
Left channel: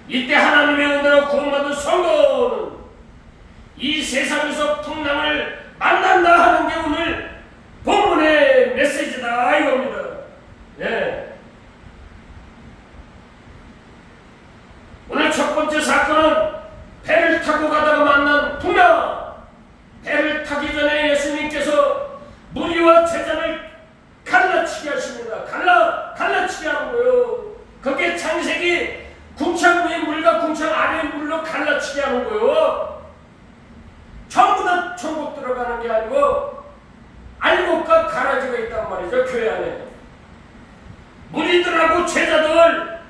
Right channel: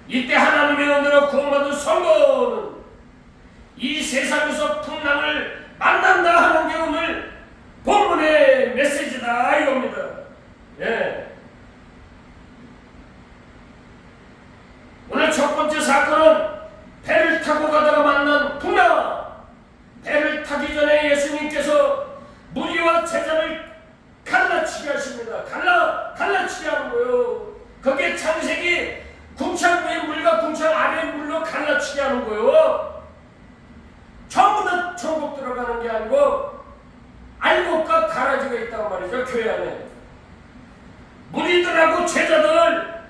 이때 하나님의 은혜로 구원받은 성도는 이 세상에서 풍랑을 만난다 하는 게 오늘 본문의 메시지다 이겁니다. 오늘 첫 번째 사건은 배를 타고 가다가 만난 풍랑. 배를 타기 전에 예수님께서 무리와 제자를 갈라치게 하십니다. 갈라치게 하는 거예요. 그게 창세기 궁창 위의 물과 궁창 아래의 물로 갈라치게 하는 거예요. 전부 다 천국 들어가는 게 아니고 알곡과 가라지가 있단 말이죠. 교회 안에 무리들하고 제자들,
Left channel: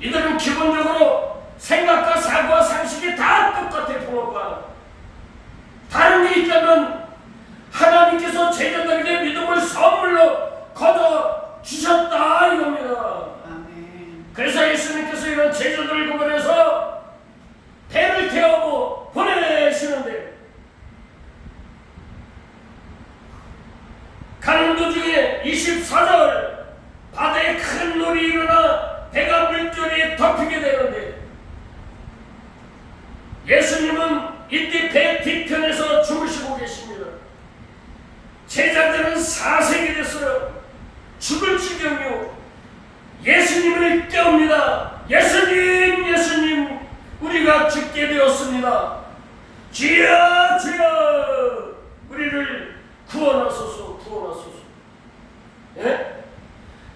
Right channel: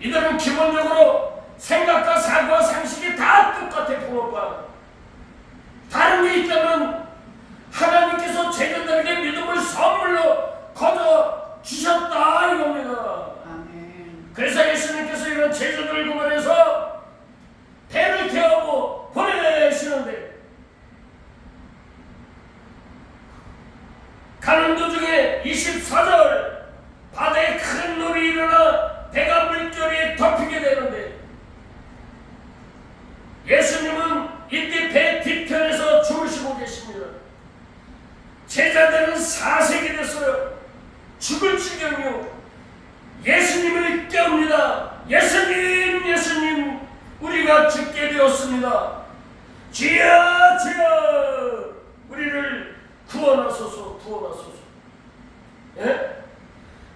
이들은 기본적으로 생각과 사고와 상식이 다 똑같아. 붕어빵. 다른 게 있다면 하나님께서 제자들에게 믿음을 선물로 거둬 주셨다 이겁니다. 아멘. 그래서 예수님께서 이런 제자들을 구분해서 배를 태우고 보내시는데, 가는 도중에 24절 바다에 큰 놀이 일어나 배가 물결에 덮이게 되는데, 예수님은 이때 배 뒤편에서 주무시고 계십니다. 제자들은 사색이 됐어요. 죽을 지경이요. 예수님을 깨웁니다. 예수님, 예수님, 우리가 죽게 되었습니다. 주여, 주여, 우리를 구원하소서, 구원하소서. 예?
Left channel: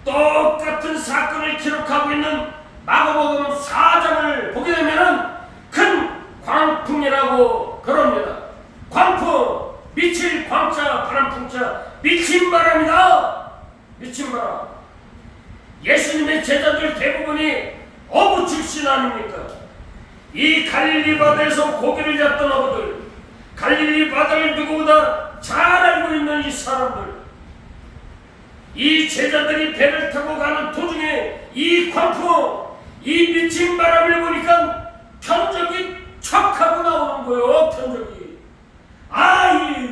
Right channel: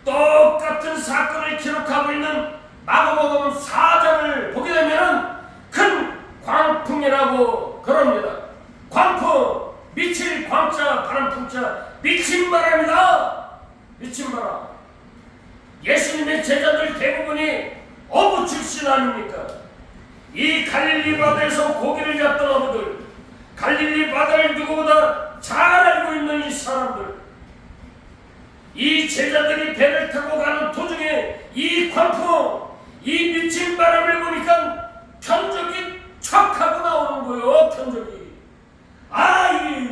똑같은 사건을 기록하고 있는 마가복음 4장을 보게 되면 큰 광풍이라고 그럽니다. 광풍, 미칠 광자, 바람풍자, 미친 바람이다. 미친 바람. 예수님의 제자들 대부분이 어부 출신 아닙니까? 이 갈릴리 바다에서 고기를 잡던 어부들, 갈릴리 바다를 누구보다 잘 알고 있는 이 사람들, 이 제자들이 배를 타고 가는 도중에 이 광풍, 이 미친 바람을 보니까 편적이 촥 하고 나오는 거예요. 편적이.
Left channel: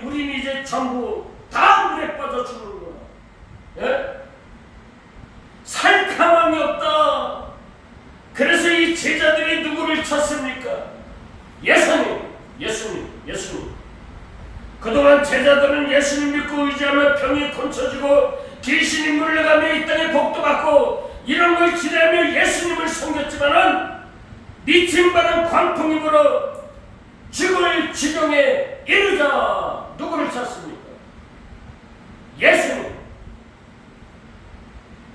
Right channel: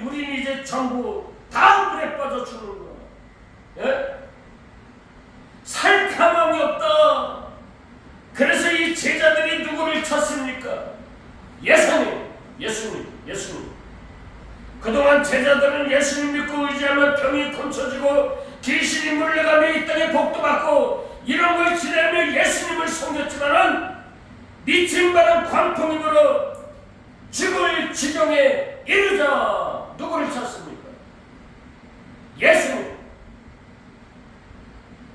우린 이제 전부 다 물에 빠져 죽는 거야. 예? 살 가망이 없다. 그래서 이 제자들이 누구를 찾습니까? 예수님, 예수님, 예수님. 그동안 제자들은 예수님 믿고 의지하며 병이 고쳐지고 귀신이 물러가며 이 땅에 복도 받고 이런 걸 기대하며 예수님을 섬겼지만은 미친 바람 광풍이 불어 죽을 지경에 이르자 누구를 찾습니까? 예수님.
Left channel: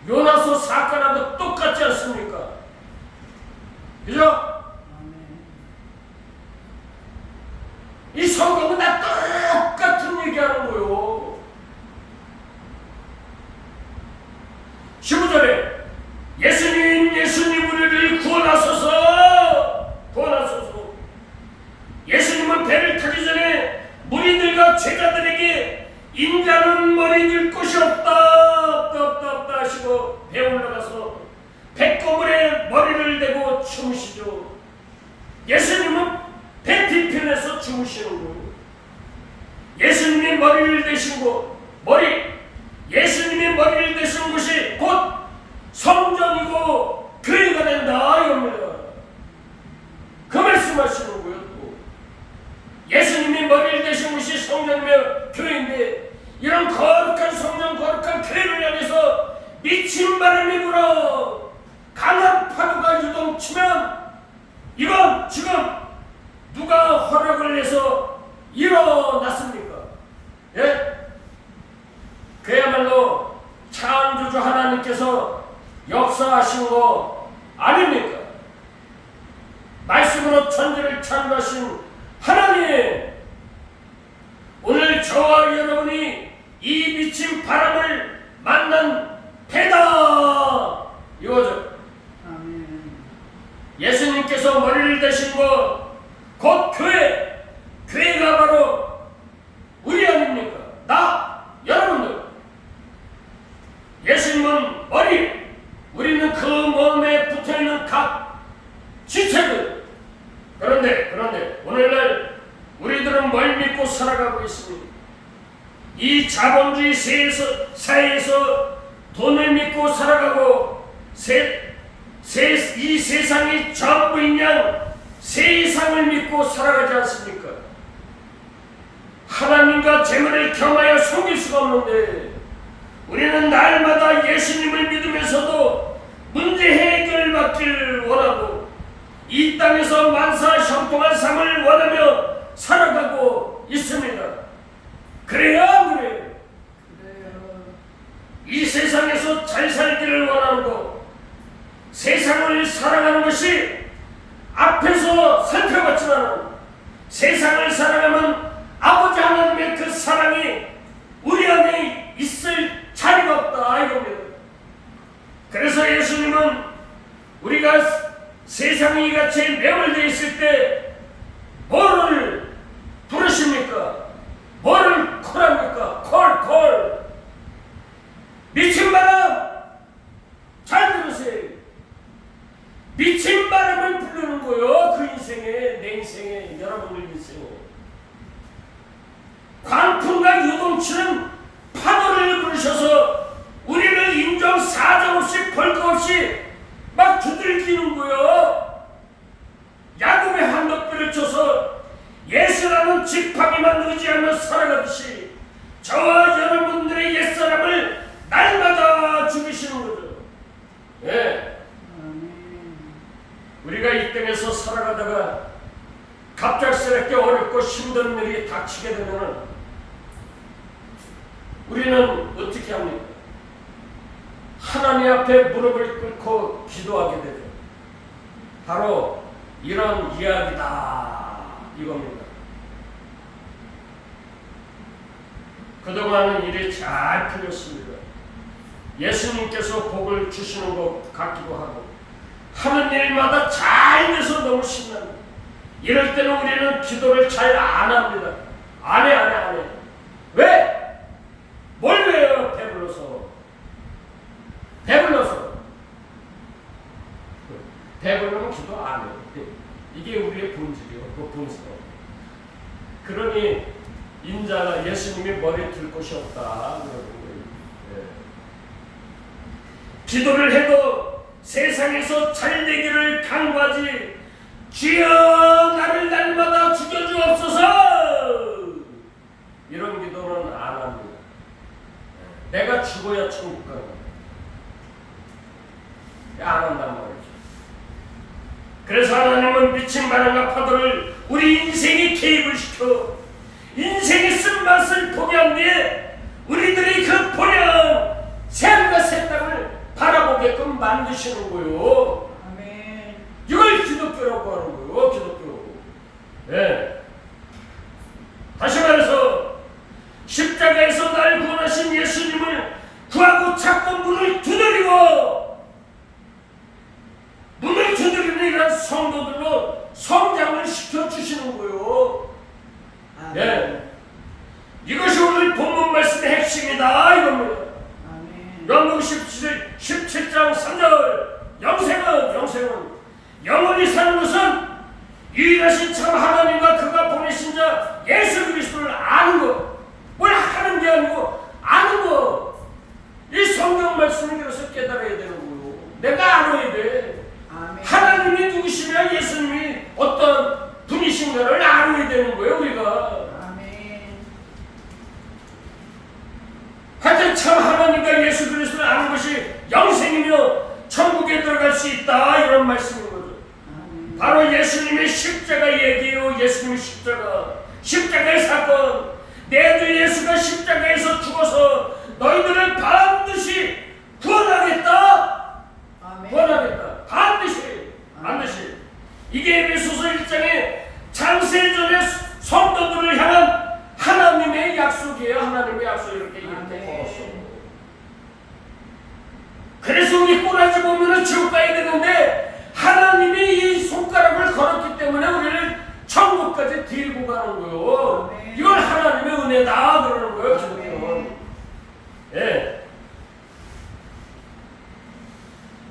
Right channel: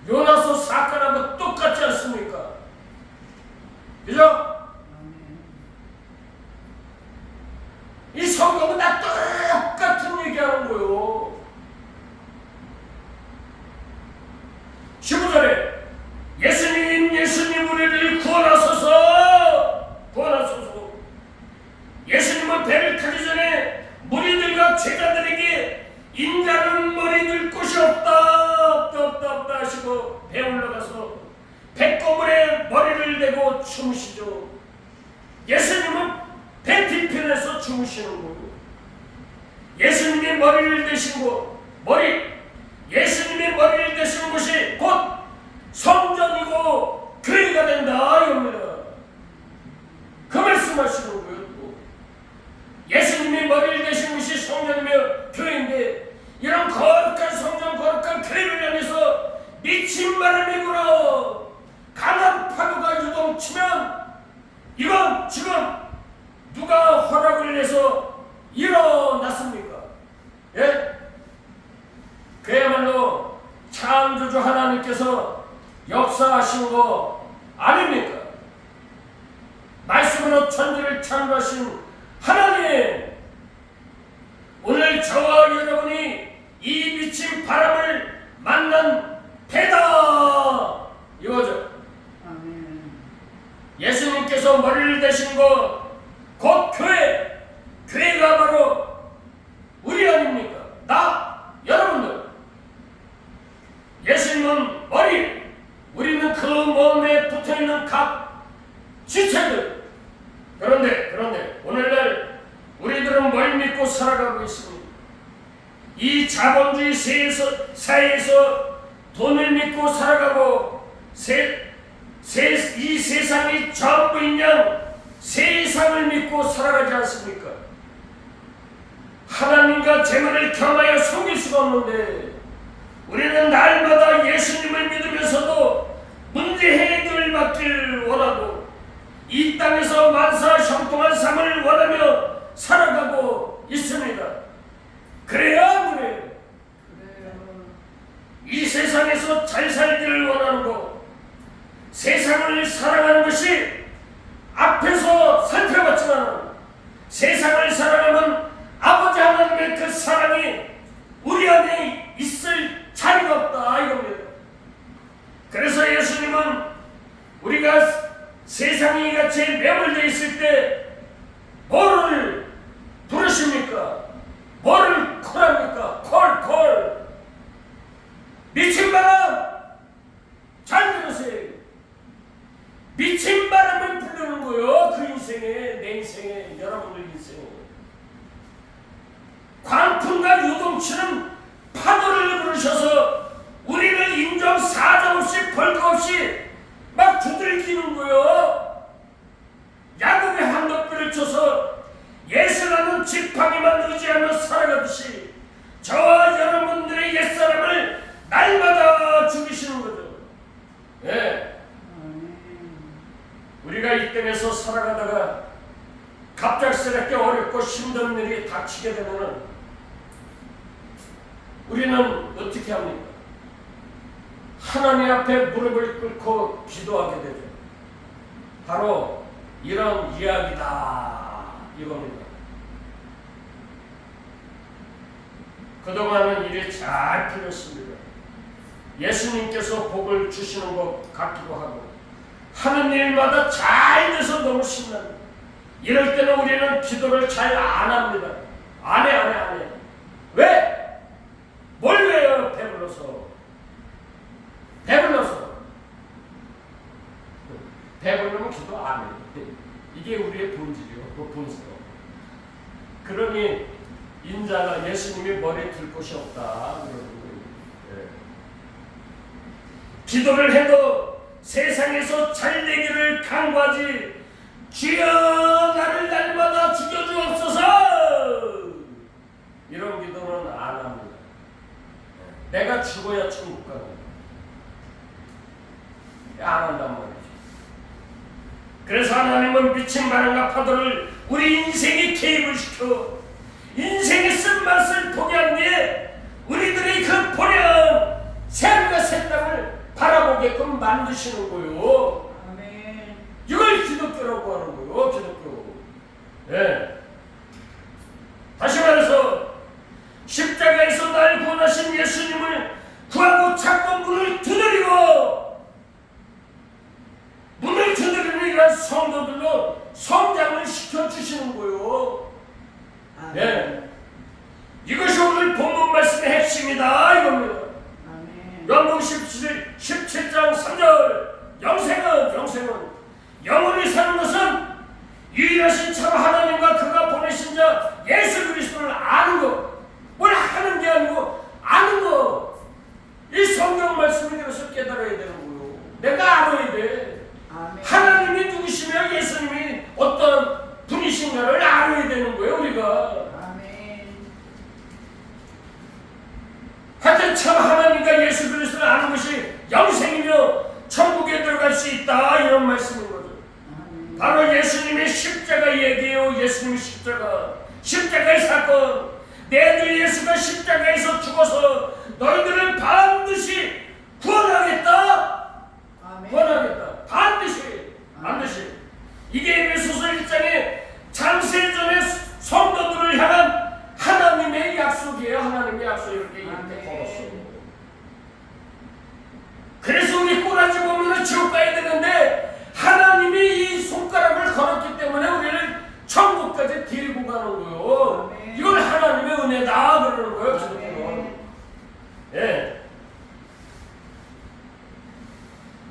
요나서 사건하고 똑같지 않습니까? 그죠? 이 성경은 다 똑같은 얘기하는 거예요. 15절에 예수님, 예수님, 우리를 구원하소서, 구원하소서. 예수님은 배를 타기 전에 무리들과 제자들에게 인자는 머리 들 곳이 없다, 없다 하시고 배 올라가서 배꼽물에 머리를 대고 주무시죠. 예수님은 배 뒤편에서 주무시는 거예요. 예수님이 머리를 대신 곳, 예수님이 머리를 대신 곳이 곧 성전이고 교회가 된다 이겁니다. 그 말씀하시는 거예요. 예수님이 머리를 대신 곳이 성전이며 교회인데 이런 거룩한 성전, 거룩한 교회를 향해서 미친 바람이 불어 강한 파도가 유동치면 이건 지금 누가 허락을 내서 일어났습니까? 예? 그야말로 창조주 하나님께서 역사하신 거 아닙니까? 말씀으로 천지를 창조하신 하나님, 오늘 저와 여러분이 이 미친 바람을 만난 배다 이거죠. 아멘. 예수님께서 머리를 대신 것 곧 교회가 바로 우리 아닙니까? 나, 여러분들. 예수님은 머리, 우리는 그 몸에 붙어있는 각 지체들. 그런데 오늘날 우리들은 뭘 믿고 살아가고 있습니다. 이 자본주의 사회에서 돈을 믿고 살아가고 이 세상이 전부인 양 세상을 믿고 살아가지 않습니까? 하나님과 재물을 경하여 속일 수가 없는데 우리는 날마다 예수님을 믿으면서도 문제 해결받길 원하고 이 땅에서 만사 형통한 삶을 원하며 살아가고 있습니다. 그래요, 안 그래요? 그래요. 이 세상에서 잘 살기를 원하는 것, 세상을 사랑하는 것이 앞에서 살펴봤지만 세상을 사랑하면 아버지 하나님의 그 사랑이 우리 안에 있을 자리가 없다 이겁니다. 그래서 예수님은 우리가 세상이 같이 매몰되어 있을 때 뭐를 부르십니까? 뭐를 콜합니까? 콜. 미친 바람 잘 들으세요. 미친 바람을 부르는 거요. 그 인생에, 내 인생에, 여러분들 인생에 광풍과 요동치는 파도를 부르셔서 우리를 인정 사정 없이 벌거 없이 막 두들기는 거요. 야곱의 황덕비를 쳐서 예수라는 지팡이만 의지하며 살아가듯이 저와 여러분들의 옛사람을 날마다 죽이시는 거죠. 예. 우리가 이 땅에서 살아가다가 갑작스럽게 어렵고 힘든 일이 닥치게 되면 우리는 어떻게 합니까? 하나님 앞에 무릎을 꿇고 기도하게 되죠. 바로 이런 이야기다 이겁니다. 그동안은 일이 잘 풀렸습니다. 예수님께서 복을 주시는 것 같기도 하고 하는 일마다 잘 돼서 너무 신납니다. 이럴 때는 우리는 기도를 잘 안 합니다. 안 해. 왜? 뭘 왜요? 배불러면 기도 안 해요. 이게 우리의 본질이요. 본성. 그러니 인자가 예수님이 머리에 들 곳이 없다 그러는 거예요. 예. 기도를 해도 세상에서 잘 되기를 간구하지 주여 나를 날마다 죽여주옵소서 이런 기도는 안 합니다. 내가 죽어야 천국 가는 거예요. 안 한단 말이죠. 그래서 하나님은 미친 바람과 파도를 우리 인생에 개입을 시켜 인생의 쓴맛을 보게 한 뒤에 우리들의 그 보련 샘과 새 땅을 바라보게끔 만드시는 거예요. 아멘. 이걸 기독교라고 하는 거예요. 기독교. 네. 다시 말해서 십자가에서 날 구원하신 예수님을 구하고 찾고 문을 두드리는 이런 성도들로 성장을 시켜주시는 거예요. 네. 이것이 오늘 본문 말씀의 핵심이다 이겁니다. 요한복음 17장 3절 영생은 영원히 사는 것은 유일하신 참 하나님과 그가 보내신 자 예수 그리스도를 아는 것. 뭘 하는 게 아니고 아는 것. 이 성경 말씀이 그래서 깨달아야 되는 거예요. 내가 알아야 돼. 아멘. 하나님이 누구시며 예수님이 어떤 분이신가를 알아야 되는 거예요 우리가. 아멘. 하여튼 참 하나님과 예수 그리스도를 아는 것이 영생이며 천국에 들어갈 수 있다 이런 말씀인 거죠. 아멘. 바로 예수님의 십자가 얘기예요. 예수님의 십자가의 사건. 내 아들 예수가 십자가에서 죽어서 너희들을 반드시 구원하겠다. 아멘. 구원하겠다. 반드시. 이게 에베소서 1장에 창세전의 성도들을 향한 하나님의 약속이에요. 하나님의 약속 이렇게 적었어. 그래서 우리 꼬라지 보면은 지옥 가야 되는데 하나님이 이 손가락을 걸었기 때문에 우리를 천국까지 데리고 가는 거예요. 아멘. 이걸 하나님의 은혜다 그러는 거예요. 기독교는. 예.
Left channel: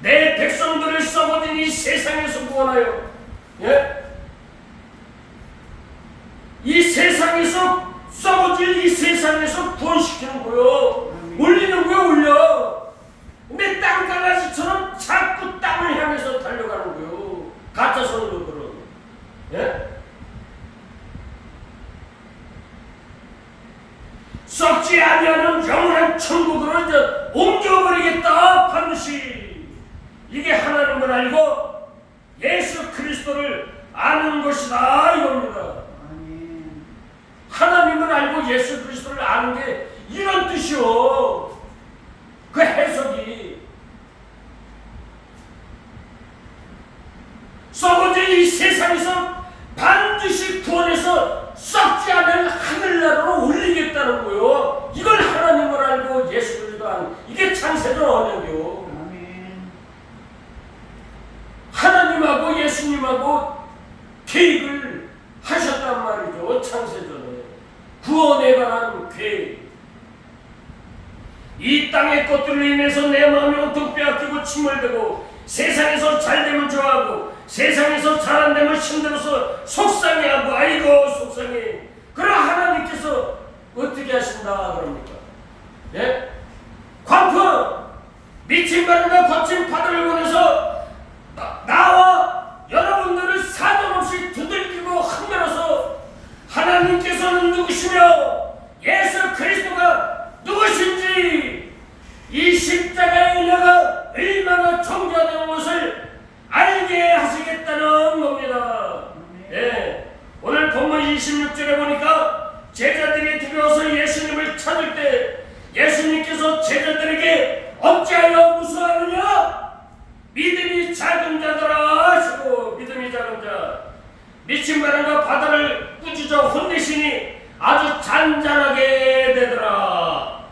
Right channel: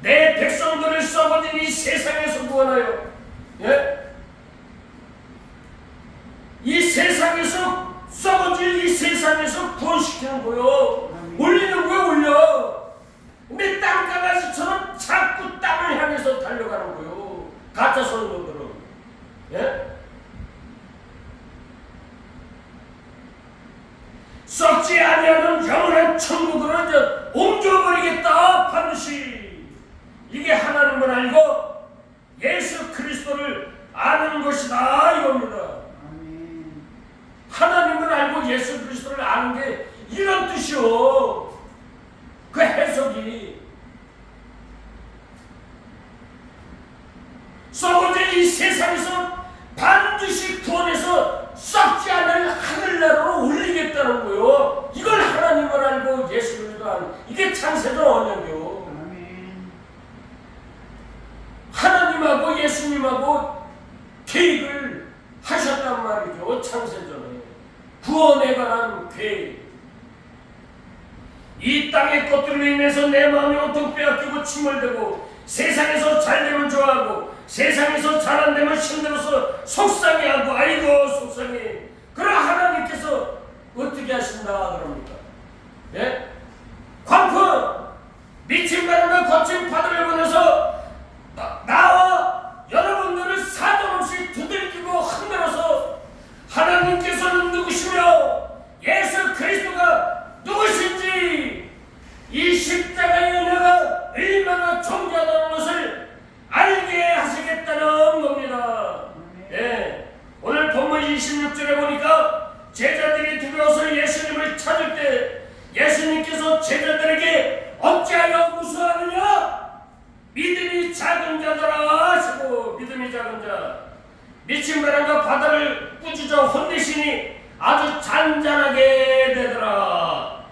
내 백성들을 썩어진 이 세상에서 구원하여, 예? 이 세상에서 썩어질 이 세상에서 구원시키는 거예요. 올리는 거예요, 올려. 근데 땅강아지처럼 자꾸 땅을 향해서 달려가는 거예요. 가짜 성도들은. 예? 썩지 아니하는 영원한 천국으로 이제 옮겨버리겠다 반드시. 이게 하나님을 알고 예수 그리스도를 아는 것이다 이겁니다. 아멘. 하나님을 알고 예수 그리스도를 아는 게 이런 뜻이요. 그 해석이 썩어질 이 세상에서 반드시 구원해서 썩지 않을 하늘나라로 올리겠다는 거요. 이걸 하나님을 알고 예수 그리스도 아는 이게 창세전 언약이요. 하나님하고 예수님하고 계획을 하셨단 말이죠. 창세전에 구원에 관한 계획. 이 땅의 것들로 인해서 내 마음이 온통 빼앗기고 침몰되고 세상에서 잘되면 좋아하고 세상에서 잘 안되면 힘들어서 속상해하고 아이고 속상해. 그럼 하나님께서 어떻게 하신다 그럽니까? 예? 광풍 미친 바람과 거친 파도를 보내서 나와 여러분들을 사정없이 두들기고 흔들어서 하나님께서는 누구시며 예수 그리스도가 누구신지 이 십자가의 은혜가 얼마나 존귀하다는 것을 알게 하시겠다는 작은 자 미친 바람과 바다를 꾸짖어 혼내시니 아주 잔잔하게 되더라.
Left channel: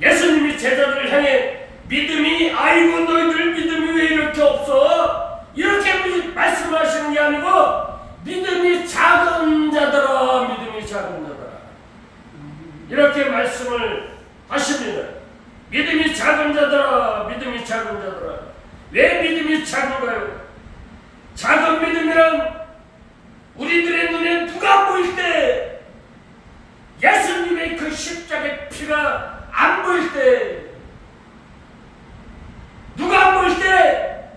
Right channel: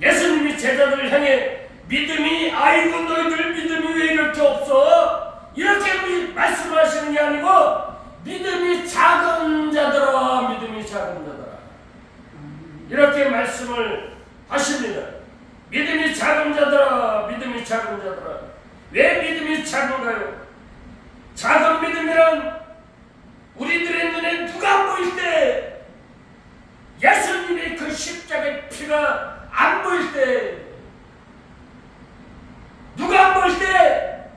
예수님이 제자들을 향해 믿음이 아이고 너희들 믿음이 왜 이렇게 없어? 이렇게 말씀하시는 게 아니고 믿음이 작은 자들아, 믿음이 작은 자들아, 이렇게 말씀을 하십니다. 믿음이 작은 자들아, 믿음이 작은 자들아. 왜 믿음이 작은가요? 작은 믿음이란 우리들의 눈에 누가 안 보일 때, 예수님의 그 십자가의 피가 안 보일 때, 누가 안 보일 때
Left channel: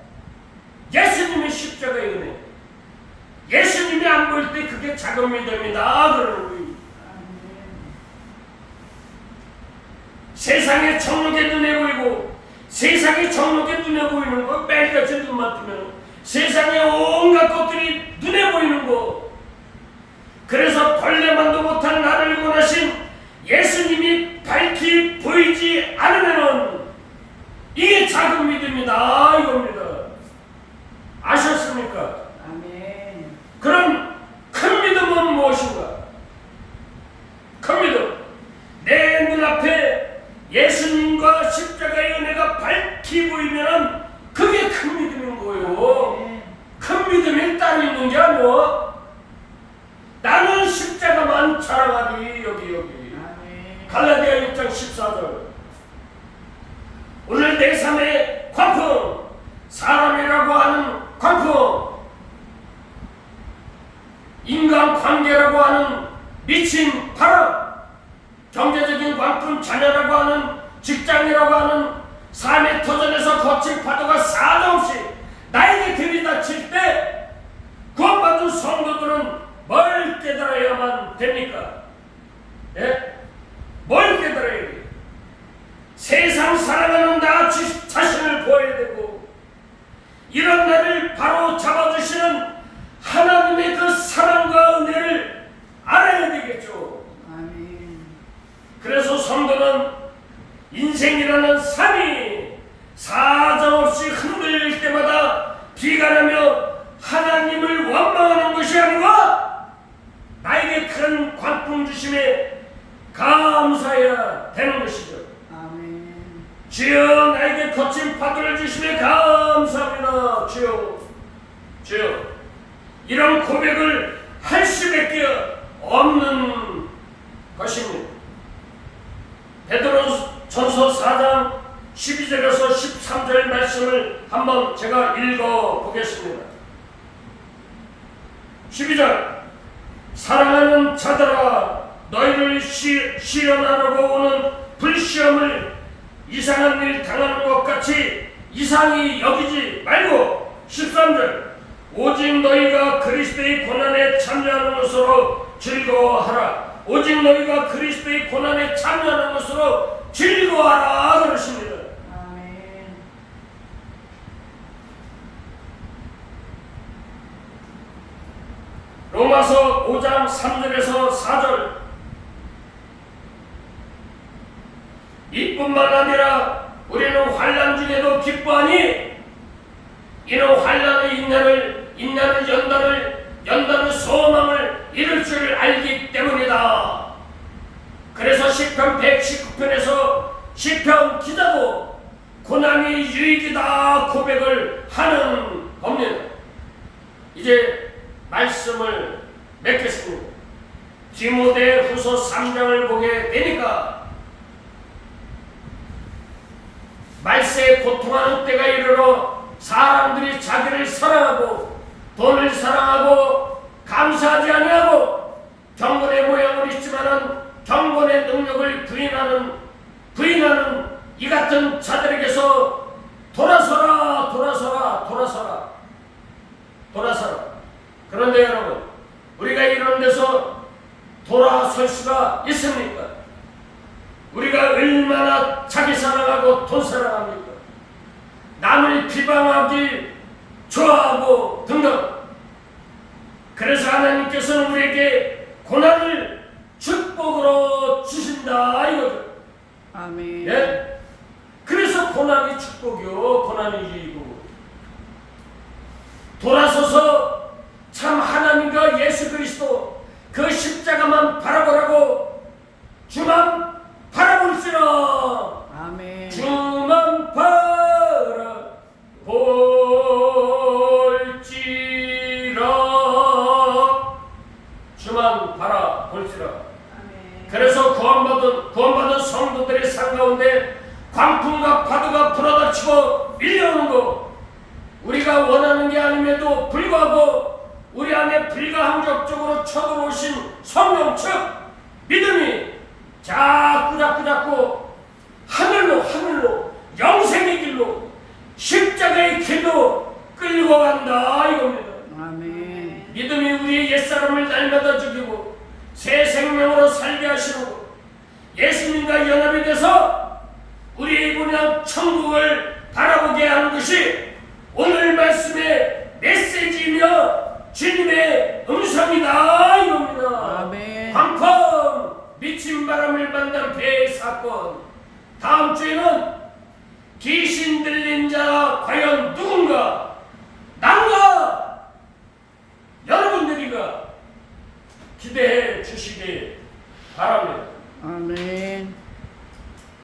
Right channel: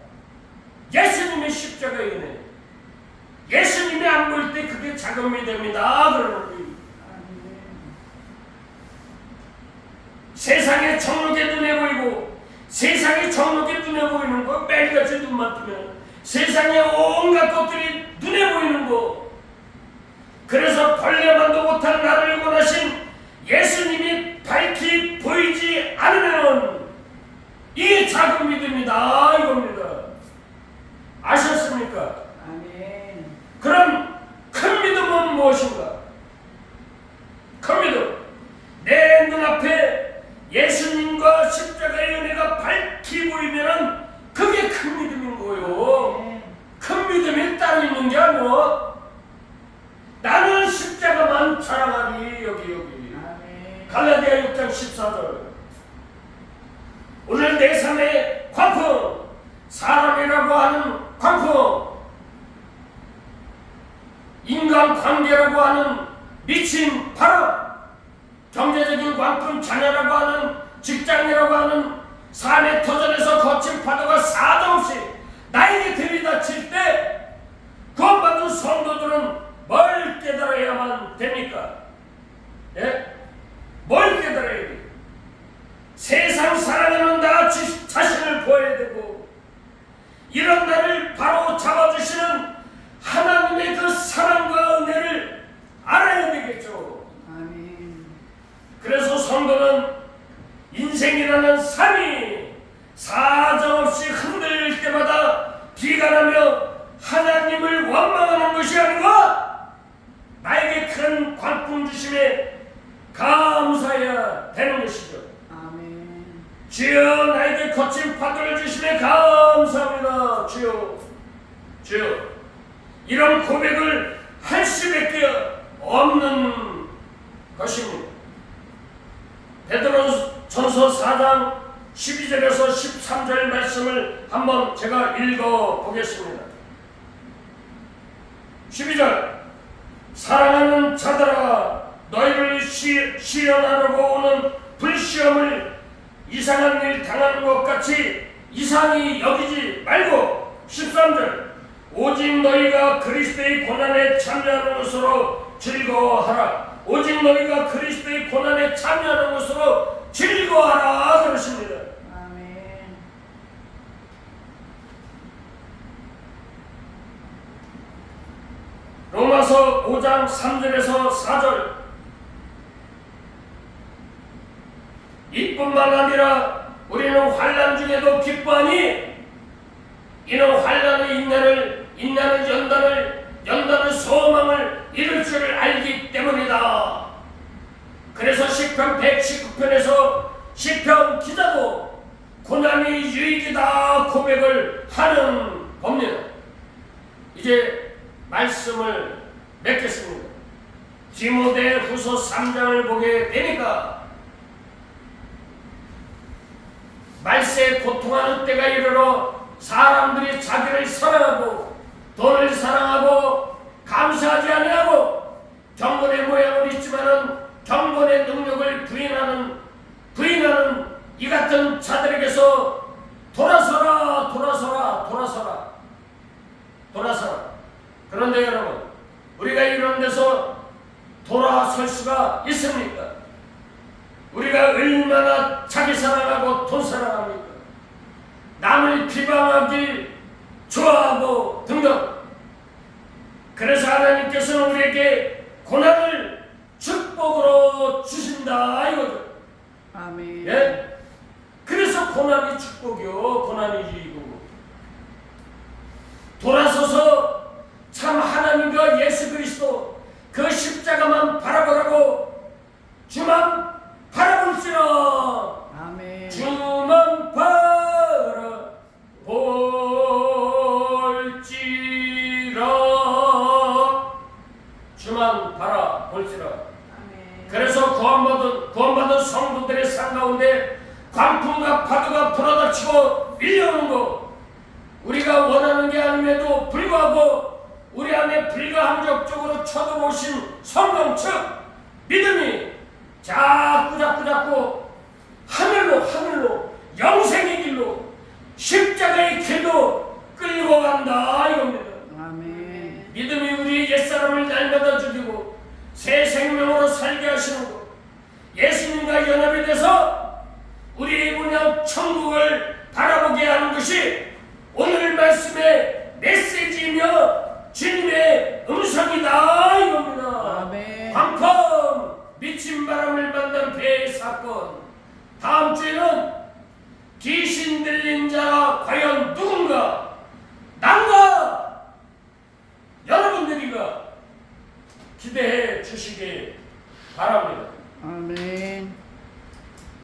예수님의 십자가의 은혜, 예수님이 안 보일 때 그게 작은 믿음이다 그러는 거예요. 세상의 정욕에 눈에 보이고, 세상의 정욕에 눈에 보이는 거, 매일같이 눈만 뜨면 세상의 온갖 것들이 눈에 보이는 거. 그래서 벌레만도 못한 나를 원하신 예수님이 밝히 보이지 않으면 이게 작은 믿음이다 이겁니다. 아셨습니까? 아멘. 그럼 큰 믿음은 무엇인가? 큰 믿음, 내 눈앞에 예수님과 십자가의 은혜가 밝히 보이면 그게 큰 믿음인 거예요. 큰 믿음이 따로 있는 게 아니오. 나는 십자가만 자랑하리. 여기 갈라디아 6장 14절. 오늘 내 삶의 광풍, 사람이라고 하는 광풍, 인간관계라고 하는 미친 바람, 경제적인 광풍, 자녀라고 하는, 직장이라고 하는 삶의 터전에서 거친 파도가 사정없이 나에게 들이닥칠 때 구원받은 성도들은 뭘 깨달아야만 됩니까? 예? 뭘 깨달아야 돼? 세상 살아가는 나 자신을 보아야 되고, 이런 나를 바로 잡아주시는 하나님의 그 사랑과 은혜를 알아야 되겠죠. 아멘. 그래서 성도는 인생이라는 삶이 사정없이 흔들릴 때마다 비관하며 하나님을 원망하는 것이 아니고 나에게 큰 광풍 주심에 감사해야 되는 것이죠. 아멘. 주여, 나에게 거친 파도를 주심에 감사합니다. 주여, 주여. 이런 고백을 할 수밖에 없는 것입니다. 베드로전서 4장 12절에서 13절 말씀을 한번 제가 읽어보겠습니다. 12절. 사랑하는 자들아, 너희를 시련하려고 오는 불시험을 이상한 일 당하는 것 같이 이상히 여기지 말고, 13절. 오직 너희가 그리스도의 고난에 참여하는 것으로 즐거워하라. 오직 너희가 그리스도의 고난에 참여하는 것으로 즐거워하라 그러십니다. 아멘. 로마서 5장 3절에서 4절. 이뿐만 아니라 우리는 환난 중에도 기뻐하니 이는 환난의 인내는 연단을 소망을 이룰 줄 알기 때문이다. 그래서 시편 119편에서 시편 기자도 고난이 유익이다 고백을 하는 겁니다. 이제 말씀을 맺겠습니다. 디모데후서 3장을 보게 되니까 말세에 고통하는 때가 이르러 사람들이 자기를 사랑하고 돈을 사랑하고 감사하지 아니하고 경건의 모양을 있지만은 경건의 능력을 부인하는 이 같은 자들에게서 돌아서라. 그런데 여러분, 우리가 이런 데서 돌아설 수가 있습니까? 우리가 얼마나 자기 사랑하고 돈 사랑합니까? 남을 비방하기 좋아하고 등등. 그래서 하나님께서는 우리에게 고난을 축복으로 주신다 이거죠. 아멘. 예? 그래서 고난이 축복이요, 고난이 유익이고. 돌아서서 가운데 광풍과 파도가 불어닥치고 밀려오는 것, 우리가 원하는 게 아님에도 불구하고 우리 안에 불가항적적으로 쳐들어오신 성령 즉 믿음이 자꾸 하늘로 영생의 길로 십자가의 길로 끌고 간다 이겁니다. 아멘. 믿음이 우리의 옛사람을 날마다 죽이고 새 생명으로 살게 하시는 것, 예수님과 연합이 돼서 우리의 이분의 천국을 바라보게 하는 것이 오늘 말씀의 메시지이며 주님의 음성이다 이겁니다. 아멘. 광풍 미친 바람을 만난 배의 사건, 다음 주에는 귀신 들린 자가 과연 누군가, 난가 여러분들이가 기대해 주시기 바랍니다. 아멘.